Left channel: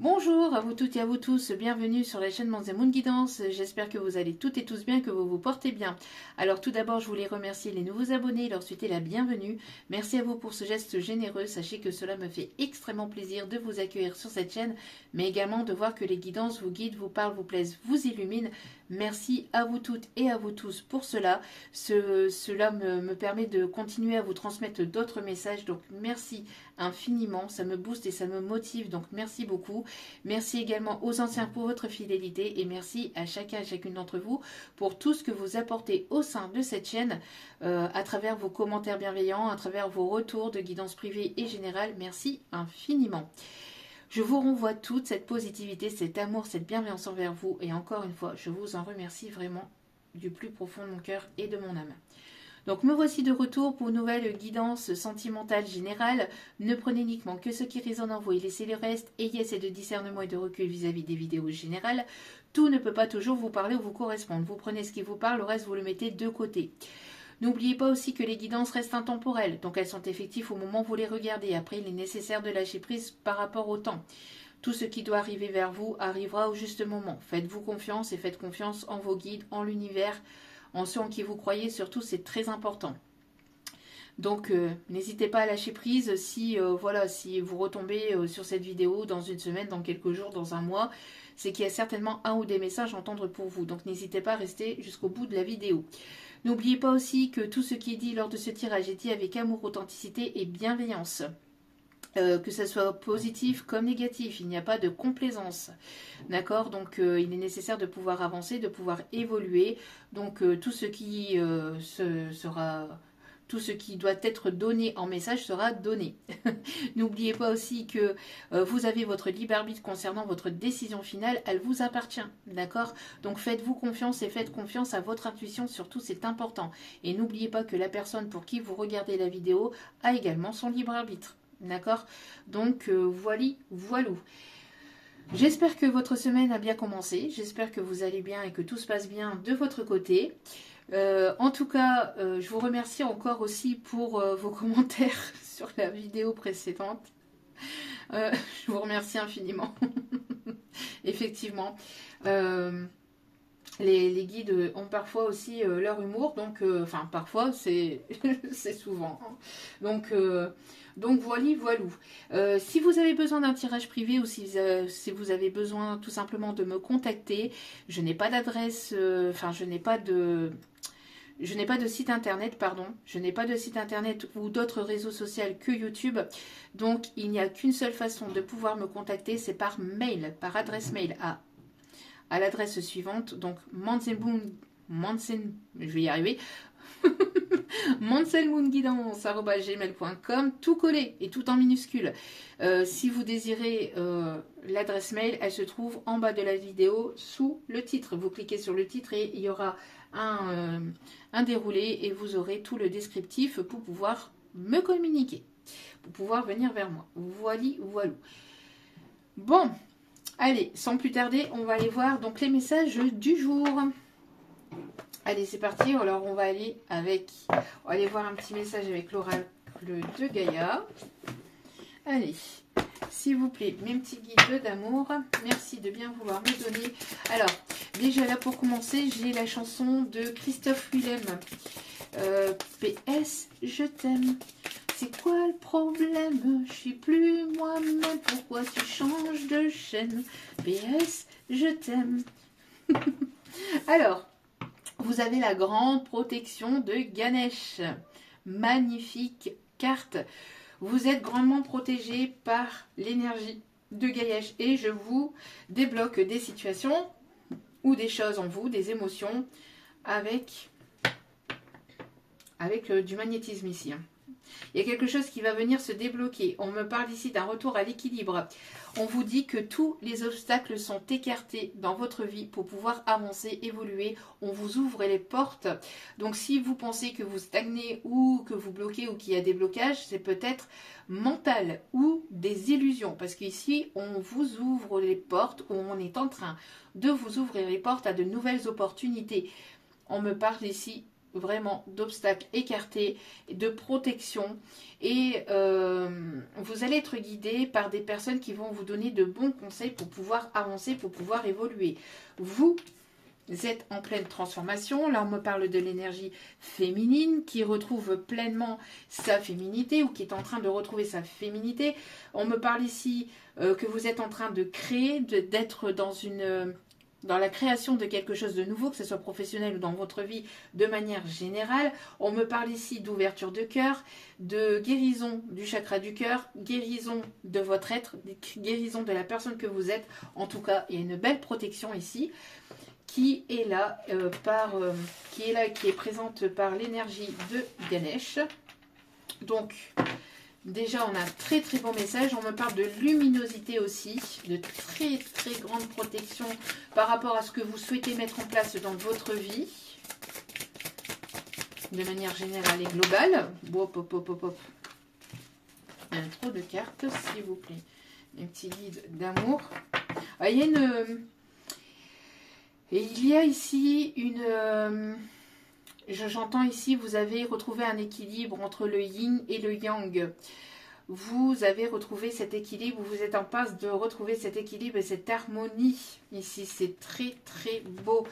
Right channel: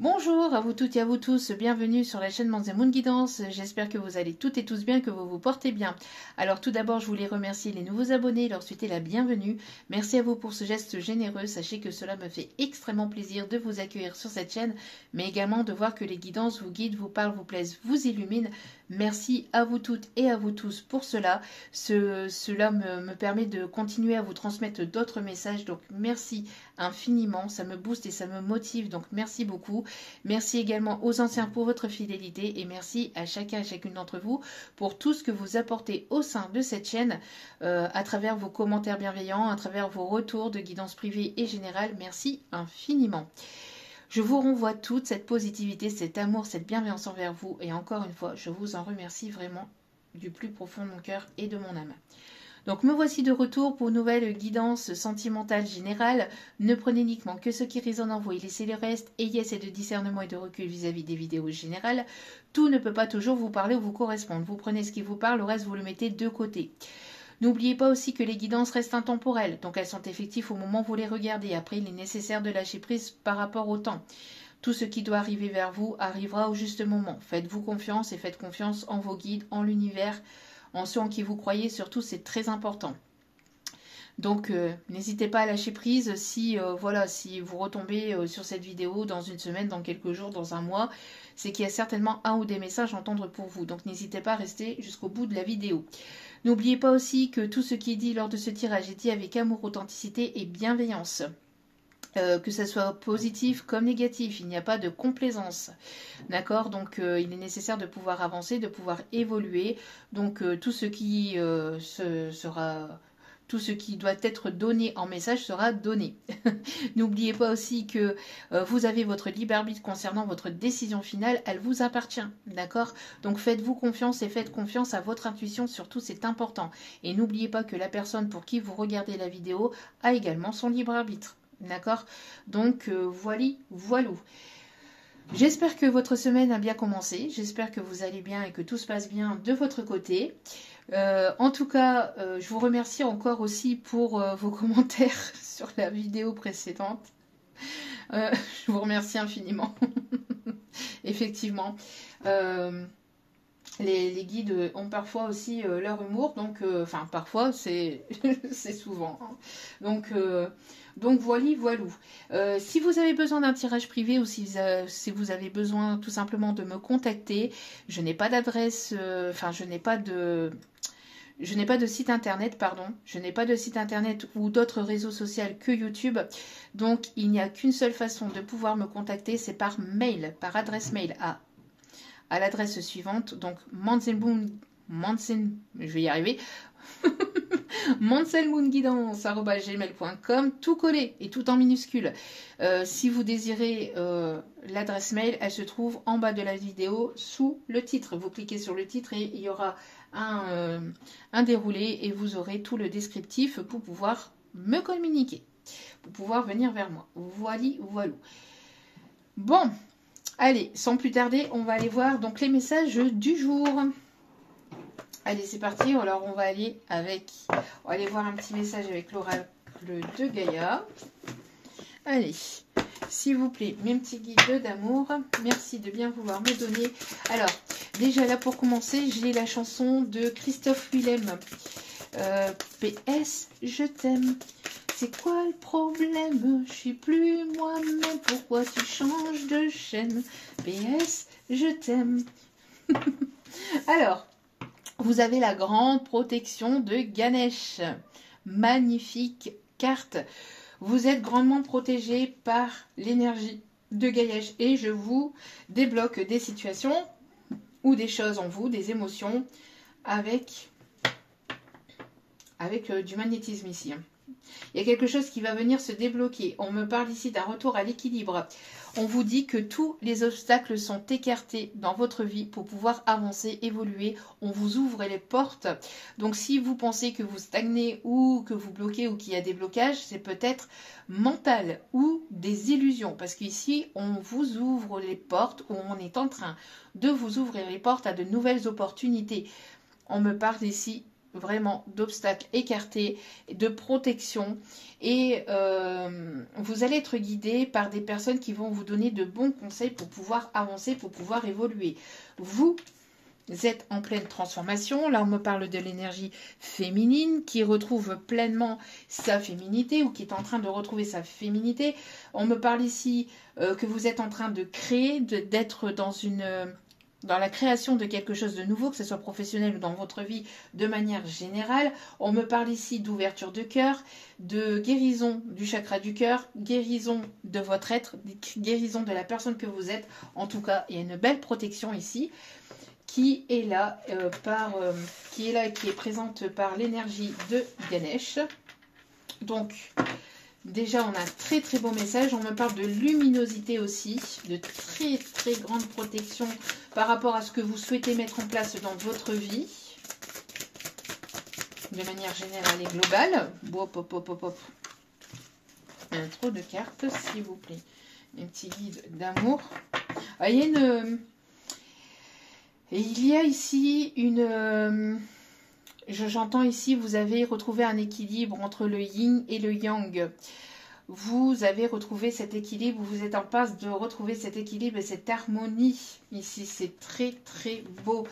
Bonjour à vous toutes et à vous tous, bienvenue sur la chaîne Manz & Moon Guidance. J'espère que vous allez toutes et tous bien, que vous vous portez bien. Alors tout d'abord, je voulais remercier les nouveaux abonnés et leur souhaiter la bienvenue. Merci à vous pour ce geste généreux. Sachez que cela me fait extrêmement plaisir de vous accueillir sur cette chaîne, mais également de voir que les guidances vous guident, vous parlent, vous plaisent, vous illuminent. Merci à vous toutes et à vous tous pour cela. Cela me permet de continuer à vous transmettre d'autres messages, donc merci infiniment, ça me booste et ça me motive, donc merci beaucoup. Merci également aux anciens pour votre fidélité et merci à chacun et chacune d'entre vous pour tout ce que vous apportez au sein de cette chaîne à travers vos commentaires bienveillants, à travers vos retours de guidance privée et générale. Merci infiniment. Je vous renvoie toute cette positivité, cet amour, cette bienveillance envers vous et encore une fois, je vous en remercie vraiment du plus profond de mon cœur et de mon âme. Donc me voici de retour pour une nouvelle guidance sentimentale générale. Ne prenez uniquement que ce qui résonne en vous et laissez le reste. Ayez assez de discernement et de recul vis-à-vis des vidéos générales. Tout ne peut pas toujours vous parler ou vous correspondre. Vous prenez ce qui vous parle, le reste vous le mettez de côté. N'oubliez pas aussi que les guidances restent intemporelles, donc elles sont effectives au moment où vous les regardez. Après, il est nécessaire de lâcher prise par rapport au temps. Tout ce qui doit arriver vers vous arrivera au juste moment. Faites-vous confiance et faites confiance en vos guides, en l'univers, en ceux en qui vous croyez, surtout c'est très important. Donc n'hésitez pas à lâcher prise si, si vous retombez sur cette vidéo dans une semaine, dans quelques jours, dans un mois, c'est qu'il y a certainement un ou des messages à entendre pour vous. Donc n'hésitez pas à rester jusqu'au bout de la vidéo. N'oubliez pas aussi que tout ce qui est dit lors de ce tirage est dit avec amour, authenticité et bienveillance. Que ce soit positif comme négatif, il n'y a pas de complaisance. D'accord? Donc il est nécessaire de pouvoir avancer, de pouvoir évoluer. Donc tout ce qui tout ce qui doit être donné en message sera donné. N'oubliez pas aussi que vous avez votre libre arbitre concernant votre décision finale, elle vous appartient. D'accord? Donc faites-vous confiance et faites confiance à votre intuition, surtout c'est important. Et n'oubliez pas que la personne pour qui vous regardez la vidéo a également son libre arbitre. D'accord? Donc, voilou. J'espère que votre semaine a bien commencé. J'espère que vous allez bien et que tout se passe bien de votre côté. En tout cas, je vous remercie encore aussi pour vos commentaires sur la vidéo précédente. Je vous remercie infiniment. Effectivement. Les guides ont parfois aussi leur humour, donc, parfois, c'est souvent. Hein. Donc voilou. Si vous avez besoin d'un tirage privé ou si vous avez besoin tout simplement de me contacter, je n'ai pas d'adresse, je n'ai pas de site internet, pardon. Je n'ai pas de site internet ou d'autres réseaux sociaux que YouTube. Donc, il n'y a qu'une seule façon de pouvoir me contacter, c'est par mail, par adresse mail à l'adresse suivante. Donc, je vais y arriver. manselmoonguidance@gmail.com, tout collé et tout en minuscule. Si vous désirez l'adresse mail, elle se trouve en bas de la vidéo sous le titre. Vous cliquez sur le titre et il y aura un déroulé et vous aurez tout le descriptif pour pouvoir me communiquer, pour pouvoir venir vers moi. Voilou. Bon, allez, sans plus tarder, on va aller voir donc les messages du jour. Allez, c'est parti. Alors, on va aller voir un petit message avec l'oracle de Gaïa. Allez, s'il vous plaît, mes petits guides d'amour, merci de bien vouloir me donner. Alors, déjà là, pour commencer, j'ai la chanson de Christophe Willem. PS, je t'aime. C'est quoi le problème? Je suis plus moi-même. Pourquoi tu changes de chaîne? PS, je t'aime. Alors, vous avez la grande protection de Ganesh. Magnifique carte. Vous êtes grandement protégé par l'énergie de Ganesh. Et je vous débloque des situations ou des choses en vous, des émotions, avec du magnétisme ici. Il y a quelque chose qui va venir se débloquer. On me parle ici d'un retour à l'équilibre. On vous dit que tous les obstacles sont écartés dans votre vie pour pouvoir avancer, évoluer. On vous ouvre les portes. Donc si vous pensez que vous stagnez ou que vous bloquez ou qu'il y a des blocages, c'est peut-être mental ou des illusions. Parce qu'ici, on vous ouvre les portes ou on est en train de vous ouvrir les portes à de nouvelles opportunités. On me parle ici vraiment d'obstacles écartés, de protection. Et vous allez être guidé par des personnes qui vont vous donner de bons conseils pour pouvoir avancer, pour pouvoir évoluer. Vous êtes en pleine transformation. Là, on me parle de l'énergie féminine qui retrouve pleinement sa féminité ou qui est en train de retrouver sa féminité. On me parle ici que vous êtes en train de créer, d'être dans la création de quelque chose de nouveau, que ce soit professionnel ou dans votre vie de manière générale. On me parle ici d'ouverture de cœur, de guérison du chakra du cœur, guérison de votre être, guérison de la personne que vous êtes. En tout cas, il y a une belle protection ici qui est là, qui est présente par l'énergie de Ganesh. Donc, déjà, on a un très très beau message. On me parle de luminosité aussi, de très très grande protection par rapport à ce que vous souhaitez mettre en place dans votre vie, de manière générale et globale. Hop, hop, hop, hop, hop. Il y a trop de cartes, s'il vous plaît. Un petit guide d'amour. Ah, il y a une... Et il y a ici une... J'entends ici, vous avez retrouvé un équilibre entre le yin et le yang. Vous avez retrouvé cet équilibre, vous êtes en passe de retrouver cet équilibre et cette harmonie. Ici, c'est très très beau.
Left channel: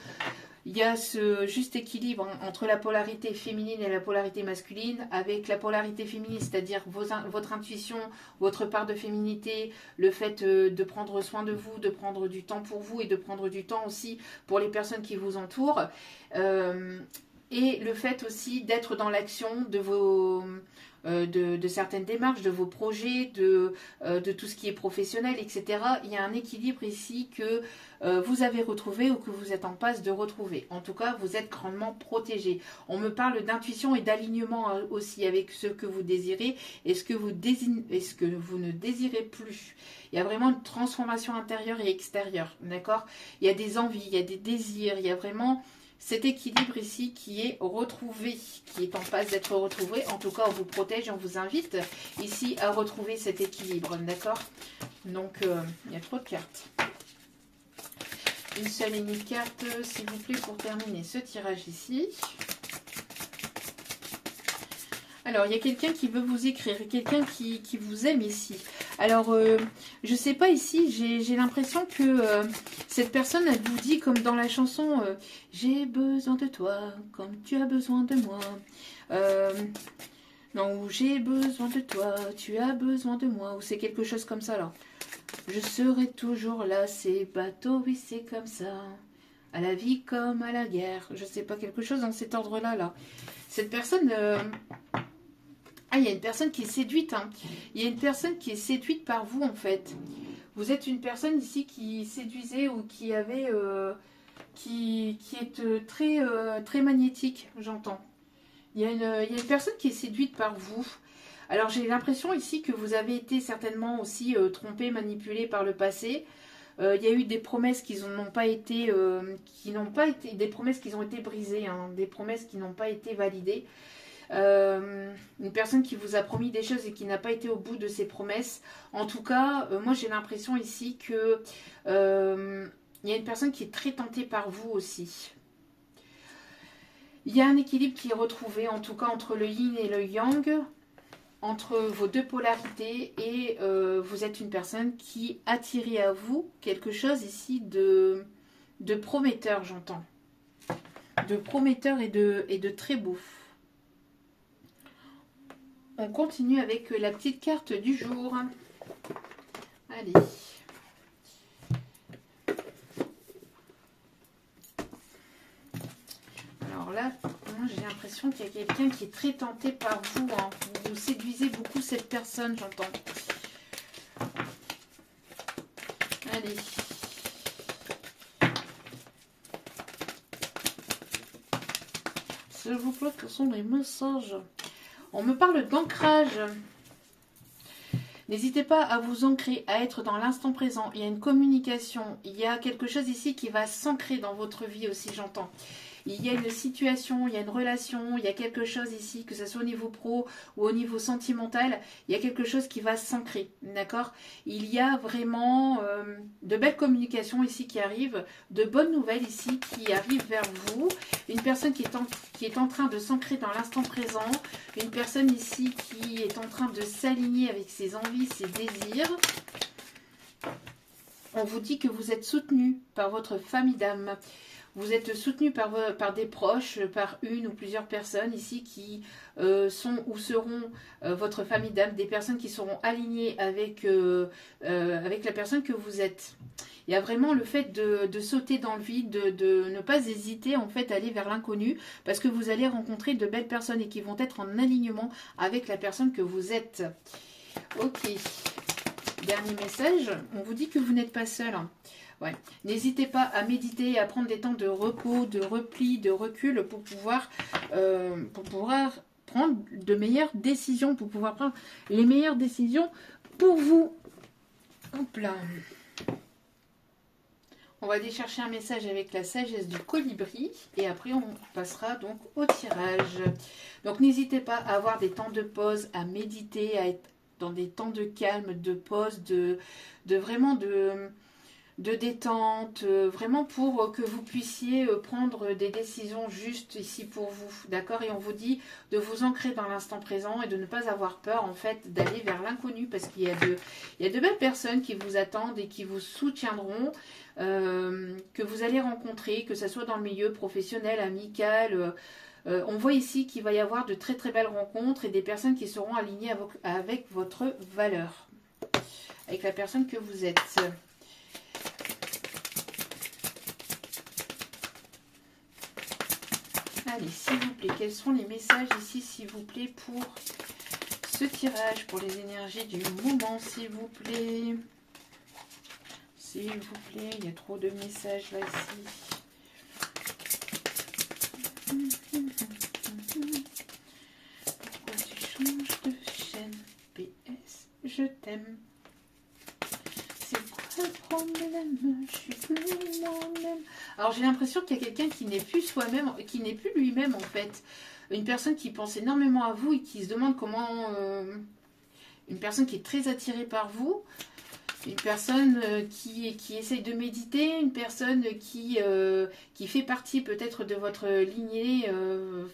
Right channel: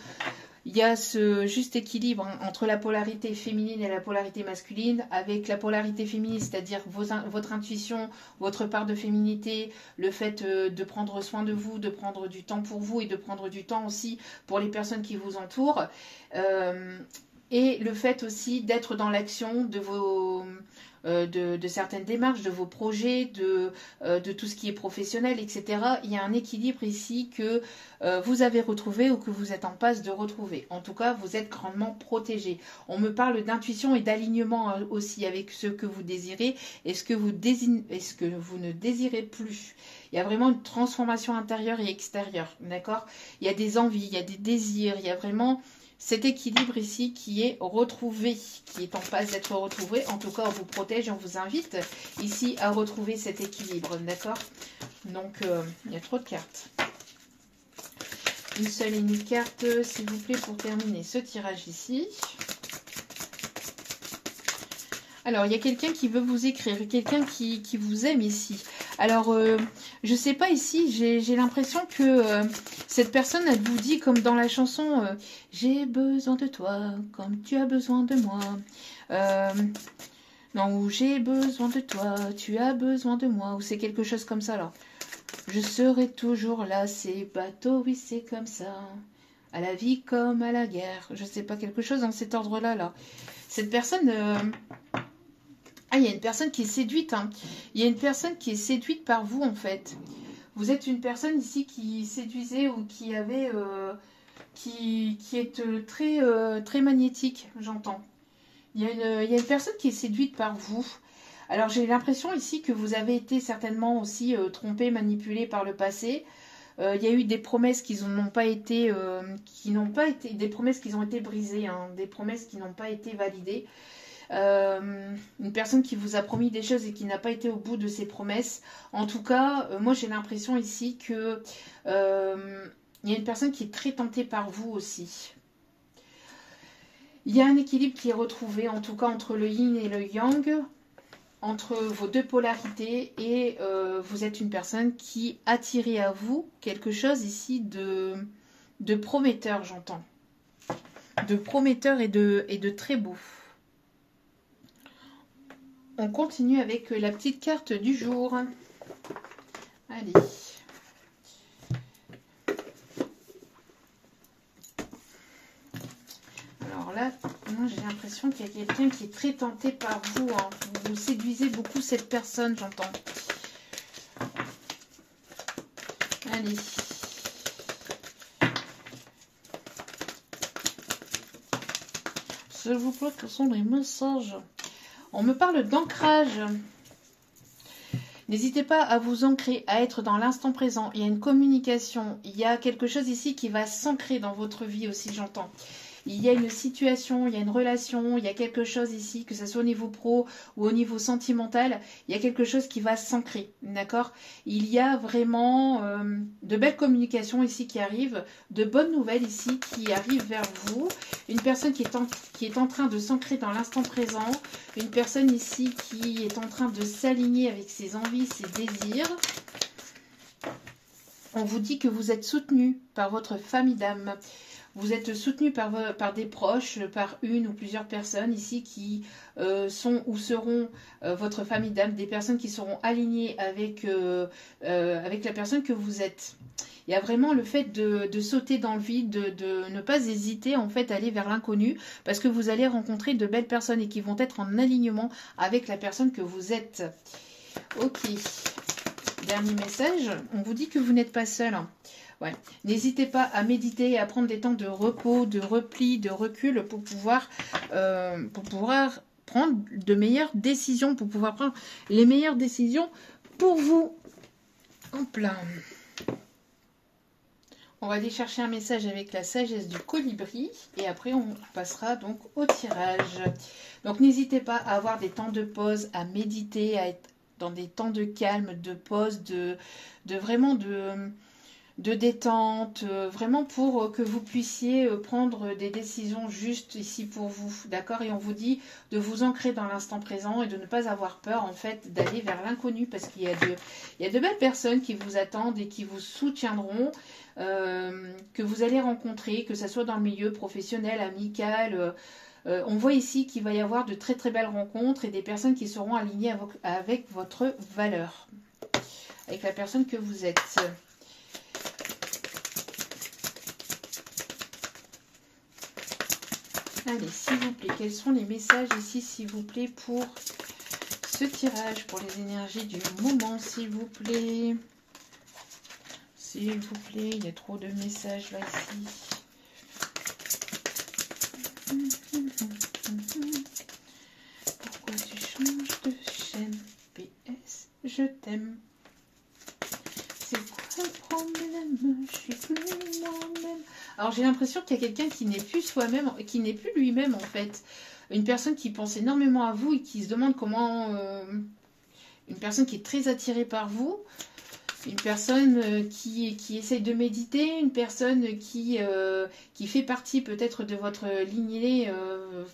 Il y a ce juste équilibre entre la polarité féminine et la polarité masculine. Avec la polarité féminine, c'est-à-dire votre intuition, votre part de féminité, le fait de prendre soin de vous, de prendre du temps pour vous et de prendre du temps aussi pour les personnes qui vous entourent. Et le fait aussi d'être dans l'action de vos... de certaines démarches, de vos projets, de tout ce qui est professionnel, etc. Il y a un équilibre ici que vous avez retrouvé ou que vous êtes en passe de retrouver. En tout cas, vous êtes grandement protégé. On me parle d'intuition et d'alignement aussi avec ce que vous désirez et ce que vous ne désirez plus. Il y a vraiment une transformation intérieure et extérieure, d'accord? Il y a des envies, il y a des désirs, il y a vraiment... cet équilibre ici qui est retrouvé, qui est en passe d'être retrouvé. En tout cas, on vous protège, on vous invite ici à retrouver cet équilibre, d'accord? Donc, il y a trop de cartes. Une seule et unique carte, s'il vous plaît, pour terminer ce tirage ici. Alors, il y a quelqu'un qui veut vous écrire, quelqu'un qui vous aime ici. Alors, je ne sais pas ici, j'ai l'impression que cette personne, elle vous dit, comme dans la chanson, j'ai besoin de toi, comme tu as besoin de moi. Non, j'ai besoin de toi, tu as besoin de moi, ou c'est quelque chose comme ça, alors. Je serai toujours là, c'est bateau, oui, c'est comme ça. À la vie comme à la guerre. Je ne sais pas, quelque chose dans cet ordre-là, là. Cette personne... Ah, il y a une personne qui est séduite. Hein. Il y a une personne qui est séduite par vous, en fait. Vous êtes une personne ici qui séduisait ou qui avait... qui est très, très magnétique, j'entends. Il y a une personne qui est séduite par vous. Alors, j'ai l'impression ici que vous avez été certainement aussi trompé, manipulé par le passé. Il y a eu des promesses qui n'ont pas été... des promesses qui ont été brisées, hein, des promesses qui n'ont pas été validées. Une personne qui vous a promis des choses et qui n'a pas été au bout de ses promesses. En tout cas, moi j'ai l'impression ici que il y a une personne qui est très tentée par vous aussi. Il y a un équilibre qui est retrouvé, en tout cas entre le yin et le yang, entre vos deux polarités, et vous êtes une personne qui attirait à vous quelque chose ici de prometteur, j'entends. De prometteur et de très beau. On continue avec la petite carte du jour. Allez. Alors là, moi j'ai l'impression qu'il y a quelqu'un qui est très tenté par vous. Hein. Vous séduisez beaucoup cette personne, j'entends. Allez. S'il vous plaît, quels sont les messages ? On me parle d'ancrage. N'hésitez pas à vous ancrer, à être dans l'instant présent. Il y a une communication, il y a quelque chose ici qui va s'ancrer dans votre vie aussi, j'entends. Il y a une situation, il y a une relation, il y a quelque chose ici, que ce soit au niveau pro ou au niveau sentimental, il y a quelque chose qui va s'ancrer, d'accord? Il y a vraiment de belles communications ici qui arrivent, de bonnes nouvelles ici qui arrivent vers vous. Une personne qui est en train de s'ancrer dans l'instant présent. Une personne ici qui est en train de s'aligner avec ses envies, ses désirs. On vous dit que vous êtes soutenu par votre famille d'âme. Vous êtes soutenu par des proches, par une ou plusieurs personnes ici qui sont ou seront votre famille d'âme, des personnes qui seront alignées avec la personne que vous êtes. Il y a vraiment le fait de sauter dans le vide, de ne pas hésiter en fait à aller vers l'inconnu, parce que vous allez rencontrer de belles personnes et qui vont être en alignement avec la personne que vous êtes. Ok, dernier message, on vous dit que vous n'êtes pas seul. Ouais. N'hésitez pas à méditer et à prendre des temps de repos, de repli, de recul pour pouvoir prendre de meilleures décisions, pour pouvoir prendre les meilleures décisions pour vous. Hop là. On va aller chercher un message avec la sagesse du colibri et après on passera donc au tirage. Donc n'hésitez pas à avoir des temps de pause, à méditer, à être dans des temps de calme, de pause, de détente, vraiment pour que vous puissiez prendre des décisions justes ici pour vous, d'accord? Et on vous dit de vous ancrer dans l'instant présent et de ne pas avoir peur en fait d'aller vers l'inconnu, parce qu'il y a de belles personnes qui vous attendent et qui vous soutiendront, que vous allez rencontrer, que ce soit dans le milieu professionnel, amical. On voit ici qu'il va y avoir de très très belles rencontres et des personnes qui seront alignées avec votre valeur, avec la personne que vous êtes. Allez, s'il vous plaît, quels sont les messages ici, s'il vous plaît, pour ce tirage, pour les énergies du moment, s'il vous plaît. S'il vous plaît, il y a trop de messages là, ici. Pourquoi tu changes de chaîne? PS, je t'aime. C'est quoi le problème? Je suis plus moi-même. Alors j'ai l'impression qu'il y a quelqu'un qui n'est plus soi-même, qui n'est plus lui-même en fait. Une personne qui pense énormément à vous et qui se demande comment... une personne qui est très attirée par vous. Une personne qui essaye de méditer. Une personne qui fait partie peut-être de votre lignée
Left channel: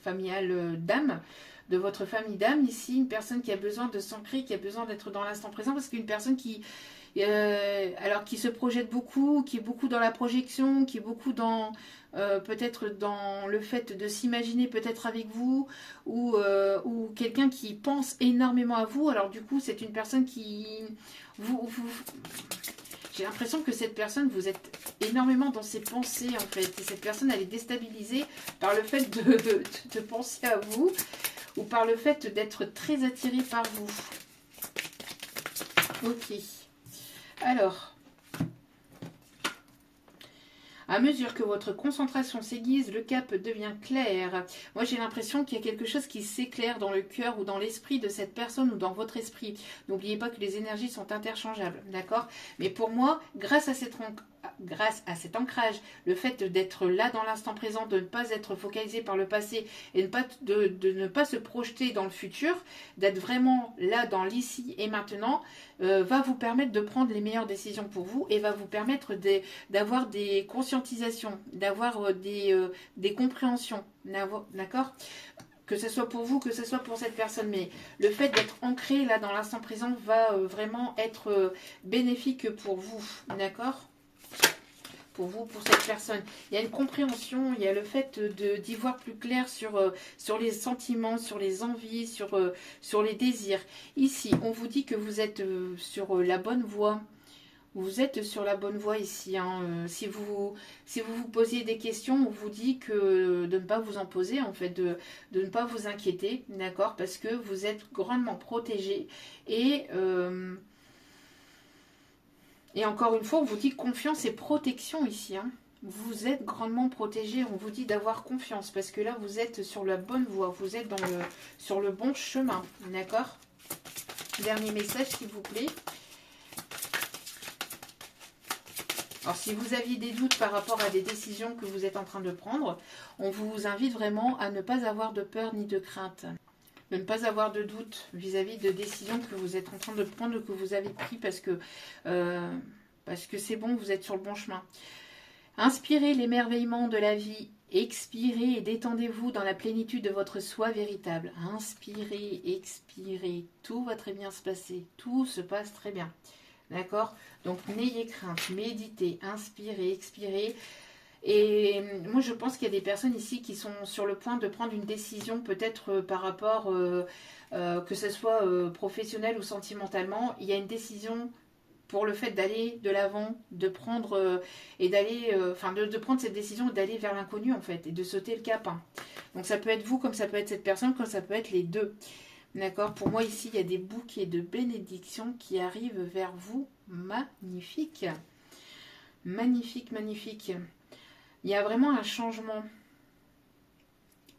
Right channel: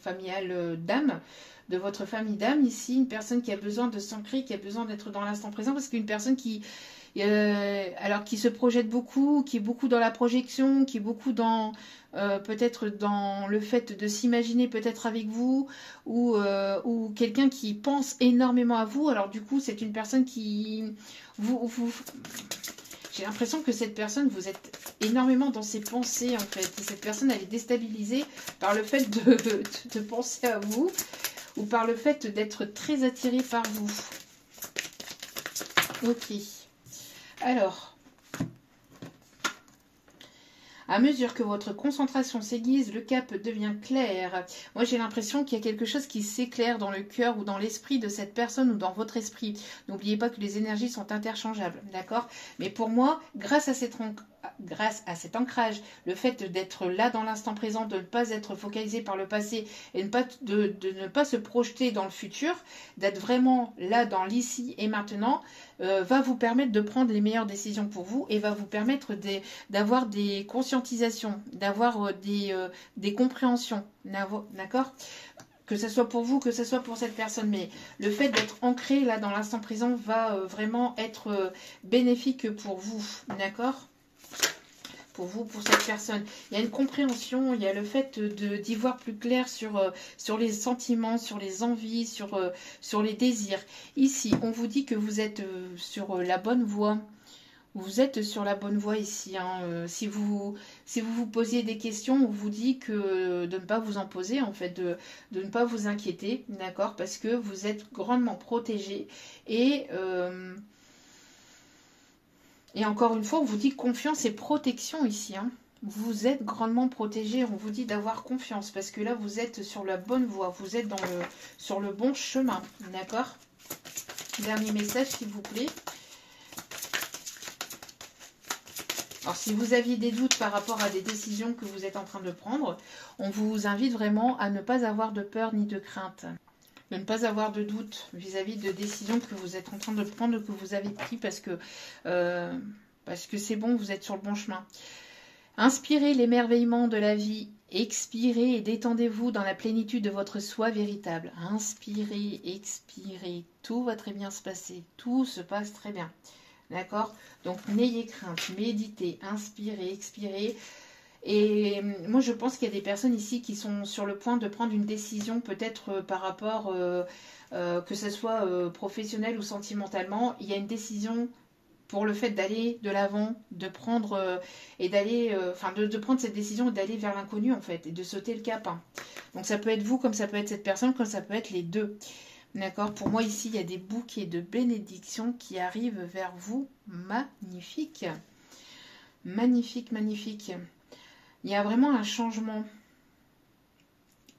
familiale d'âme. De votre famille d'âme ici. Une personne qui a besoin de s'ancrer, qui a besoin d'être dans l'instant présent. Parce qu'une personne qui se projette beaucoup, qui est beaucoup dans la projection, qui est beaucoup dans peut-être dans le fait de s'imaginer peut-être avec vous, ou quelqu'un qui pense énormément à vous. Alors du coup, c'est une personne qui j'ai l'impression que cette personne, vous êtes énormément dans ses pensées en fait. Et cette personne, elle est déstabilisée par le fait de penser à vous, ou par le fait d'être très attirée par vous. Ok. Alors, à mesure que votre concentration s'aiguise, le cap devient clair. Moi, j'ai l'impression qu'il y a quelque chose qui s'éclaire dans le cœur ou dans l'esprit de cette personne ou dans votre esprit. N'oubliez pas que les énergies sont interchangeables, d'accord? Mais pour moi, grâce à cet ancrage, le fait d'être là dans l'instant présent, de ne pas être focalisé par le passé et de ne pas se projeter dans le futur, d'être vraiment là dans l'ici et maintenant, va vous permettre de prendre les meilleures décisions pour vous et va vous permettre d'avoir des conscientisations, d'avoir des compréhensions, d'accord? Que ce soit pour vous, que ce soit pour cette personne. Mais le fait d'être ancré là dans l'instant présent va vraiment être bénéfique pour vous, d'accord? Pour vous, pour cette personne. Il y a une compréhension, il y a le fait d'y voir plus clair sur les sentiments, sur les envies, sur les désirs. Ici, on vous dit que vous êtes sur la bonne voie. Vous êtes sur la bonne voie ici. Hein. Si vous vous posiez des questions, on vous dit que de ne pas vous en poser, en fait, de ne pas vous inquiéter, d'accord? Parce que vous êtes grandement protégé et encore une fois, on vous dit confiance et protection ici. Hein. Vous êtes grandement protégé. On vous dit d'avoir confiance. Parce que là, vous êtes sur la bonne voie. Vous êtes sur le bon chemin. D'accord? Dernier message, s'il vous plaît. Alors, si vous aviez des doutes par rapport à des décisions que vous êtes en train de prendre, on vous invite vraiment à ne pas avoir de peur ni de crainte. De ne pas avoir de doute vis-à-vis de décisions que vous êtes en train de prendre, que vous avez pris, parce que parce que c'est bon, vous êtes sur le bon chemin. Inspirez l'émerveillement de la vie, expirez et détendez-vous dans la plénitude de votre soi véritable. Inspirez, expirez, tout va très bien se passer, tout se passe très bien. D'accord? Donc n'ayez crainte, méditez, inspirez, expirez. Et moi je pense qu'il y a des personnes ici qui sont sur le point de prendre une décision, peut-être par rapport, que ce soit professionnel ou sentimentalement. Il y a une décision pour le fait d'aller de l'avant, de prendre et d'aller, de prendre cette décision et d'aller vers l'inconnu en fait, et de sauter le cap. Hein. Donc ça peut être vous, comme ça peut être cette personne, comme ça peut être les deux. D'accord? Pour moi ici, il y a des bouquets de bénédictions qui arrivent vers vous. Magnifique. Magnifique, magnifique. Il y a vraiment un changement.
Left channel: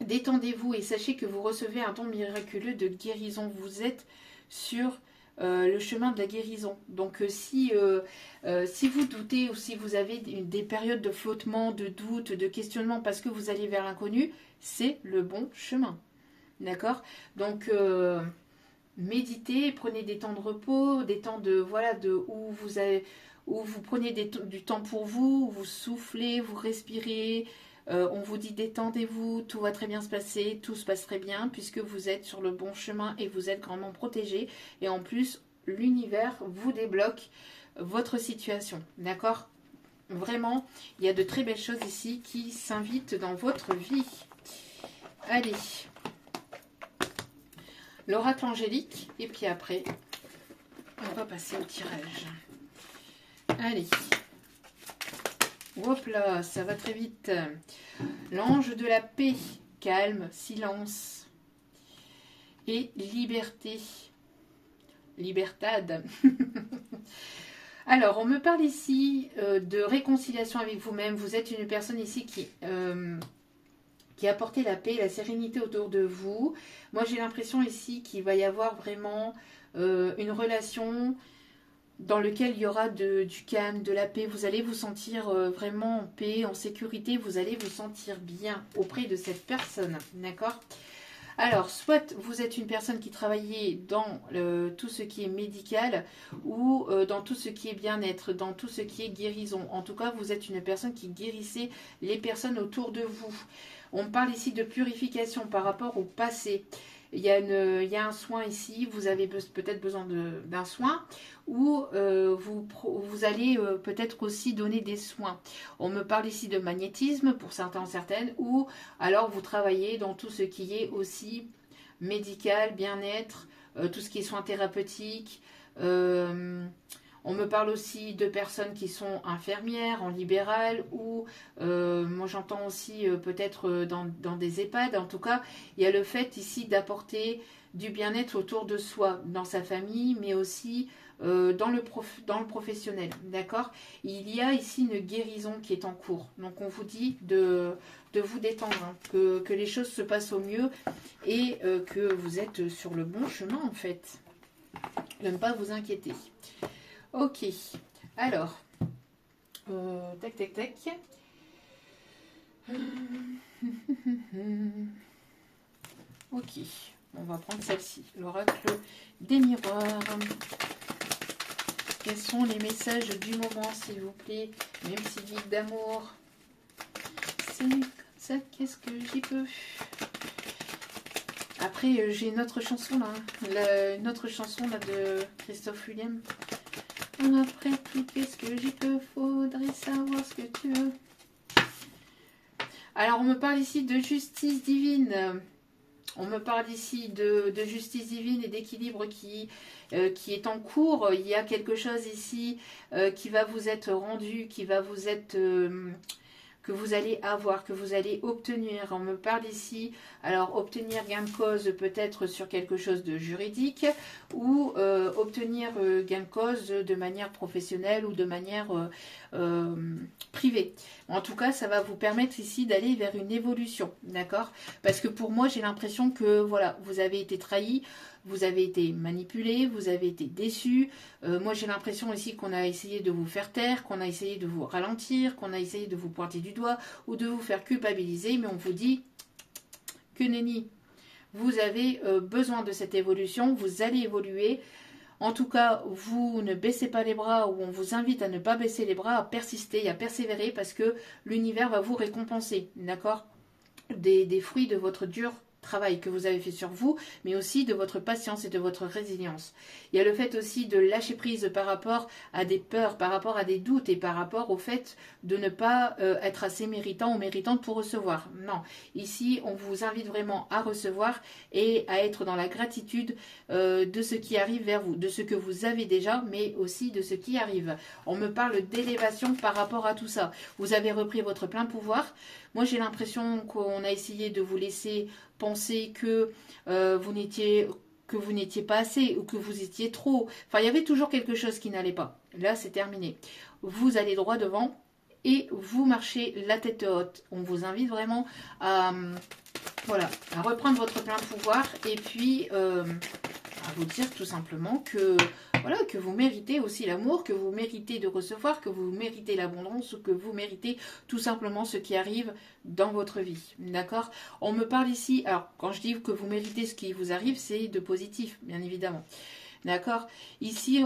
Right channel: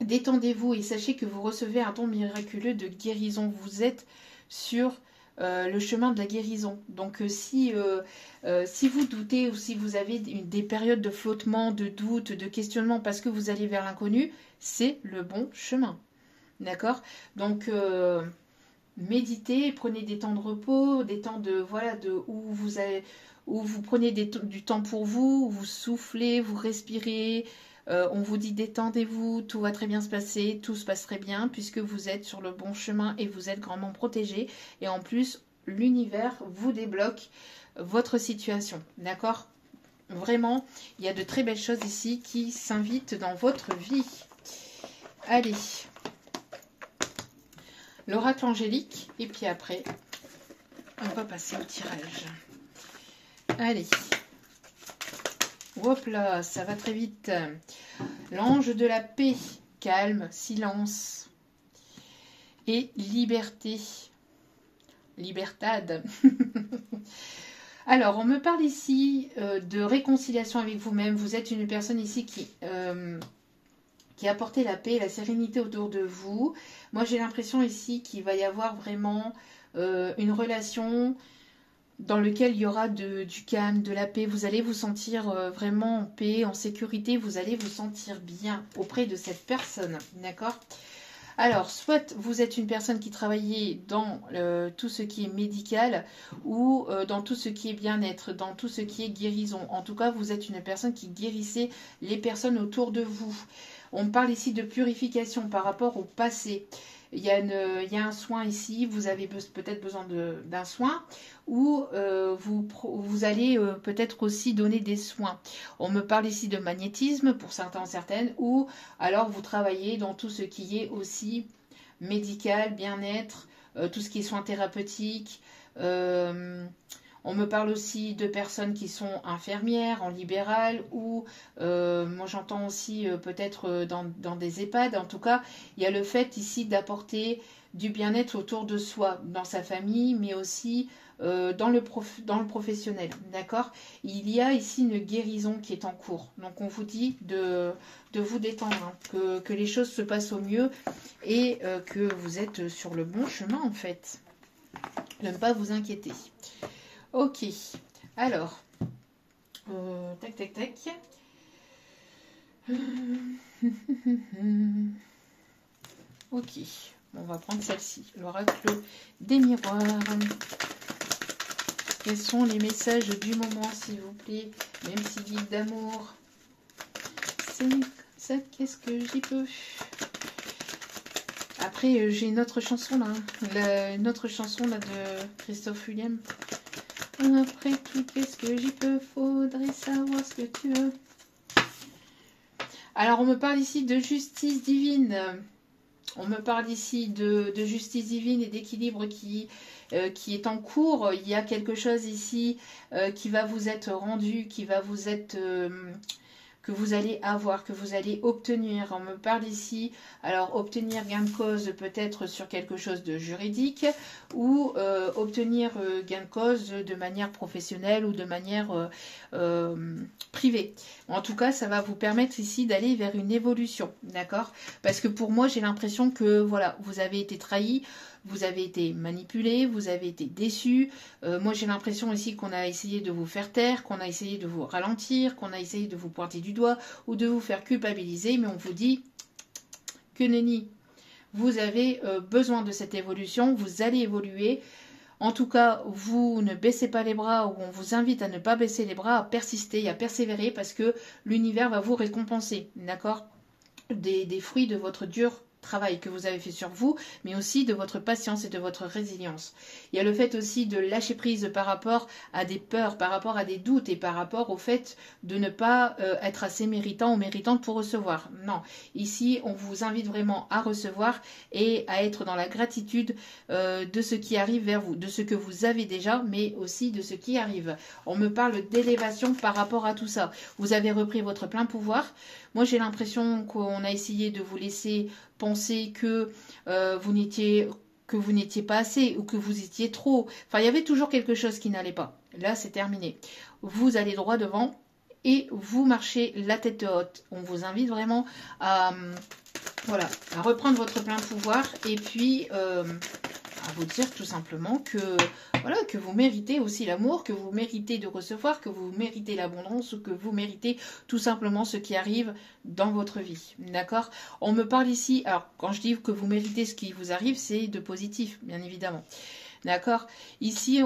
Détendez-vous et sachez que vous recevez un don miraculeux de guérison. Vous êtes sur le chemin de la guérison. Donc si vous doutez ou si vous avez des périodes de flottement, de doute, de questionnement parce que vous allez vers l'inconnu, c'est le bon chemin. D'accord? Donc méditez, prenez des temps de repos, des temps de où vous prenez du temps pour vous, vous soufflez, vous respirez, on vous dit détendez-vous, tout va très bien se passer, tout se passe très bien puisque vous êtes sur le bon chemin et vous êtes grandement protégé. Et en plus, l'univers vous débloque votre situation. D'accord? Vraiment, il y a de très belles choses ici qui s'invitent dans votre vie. Allez, l'oracle angélique et puis après, on va passer au tirage. Allez, hop là, ça va très vite. L'ange de la paix, calme, silence et liberté. Libertad. Alors, on me parle ici de réconciliation avec vous-même. Vous êtes une personne ici qui apporte la paix, la sérénité autour de vous. Moi, j'ai l'impression ici qu'il va y avoir vraiment une relation dans lequel il y aura du calme, de la paix. Vous allez vous sentir vraiment en paix, en sécurité. Vous allez vous sentir bien auprès de cette personne. D'accord? Alors, soit vous êtes une personne qui travaillait dans tout ce qui est médical ou dans tout ce qui est bien-être, dans tout ce qui est guérison. En tout cas, vous êtes une personne qui guérissait les personnes autour de vous. On parle ici de purification par rapport au passé. Il y a un soin ici, vous avez peut-être besoin d'un soin ou vous allez peut-être aussi donner des soins. On me parle ici de magnétisme pour certains, certaines, ou alors vous travaillez dans tout ce qui est aussi médical, bien-être, tout ce qui est soins thérapeutiques. On me parle aussi de personnes qui sont infirmières en libéral ou moi j'entends aussi peut-être dans des EHPAD. En tout cas, il y a le fait ici d'apporter du bien-être autour de soi, dans sa famille, mais aussi dans le professionnel. D'accord? Il y a ici une guérison qui est en cours. Donc on vous dit de vous détendre, hein, que les choses se passent au mieux et que vous êtes sur le bon chemin en fait. De ne pas vous inquiéter. Ok, alors, tac, tac, tac. Ok, on va prendre celle-ci, l'oracle des miroirs. Quels sont les messages du moment, s'il vous plaît, même si guide d'amour. C'est ça, qu'est-ce que j'y peux. Après, j'ai une autre chanson là, une autre chanson là de Christophe Willem. Après tout, qu'est-ce que j'y peux? Faudrait savoir ce que tu veux. Alors, on me parle ici de justice divine. On me parle ici de justice divine et d'équilibre qui est en cours. Il y a quelque chose ici qui va vous être rendu, qui va vous être... que vous allez avoir, que vous allez obtenir. On me parle ici, alors obtenir gain de cause peut-être sur quelque chose de juridique ou obtenir gain de cause de manière professionnelle ou de manière privée. En tout cas, ça va vous permettre ici d'aller vers une évolution, d'accord? Parce que pour moi, j'ai l'impression que voilà, vous avez été trahi, vous avez été manipulé, vous avez été déçu. Moi, j'ai l'impression ici qu'on a essayé de vous faire taire, qu'on a essayé de vous ralentir, qu'on a essayé de vous pointer du doigt ou de vous faire culpabiliser. Mais on vous dit que nenni, vous avez besoin de cette évolution, vous allez évoluer. En tout cas, vous ne baissez pas les bras, ou on vous invite à ne pas baisser les bras, à persister, à persévérer, parce que l'univers va vous récompenser, d'accord, des fruits de votre dur travail que vous avez fait sur vous, mais aussi de votre patience et de votre résilience. Il y a le fait aussi de lâcher prise par rapport à des peurs, par rapport à des doutes et par rapport au fait de ne pas être assez méritant ou méritante pour recevoir. Non, ici on vous invite vraiment à recevoir et à être dans la gratitude de ce qui arrive vers vous, de ce que vous avez déjà, mais aussi de ce qui arrive. On me parle d'élévation par rapport à tout ça. Vous avez repris votre plein pouvoir. Moi, j'ai l'impression qu'on a essayé de vous laisser penser que vous n'étiez pas assez ou que vous étiez trop. Enfin, il y avait toujours quelque chose qui n'allait pas. Là, c'est terminé. Vous allez droit devant et vous marchez la tête haute. On vous invite vraiment à, voilà, à reprendre votre plein pouvoir et puis à vous dire tout simplement que voilà, que vous méritez aussi l'amour, que vous méritez de recevoir, que vous méritez l'abondance ou que vous méritez tout simplement ce qui arrive dans votre vie. D'accord? On me parle ici, alors quand je dis que vous méritez ce qui vous arrive, c'est de positif, bien évidemment. D'accord? Ici,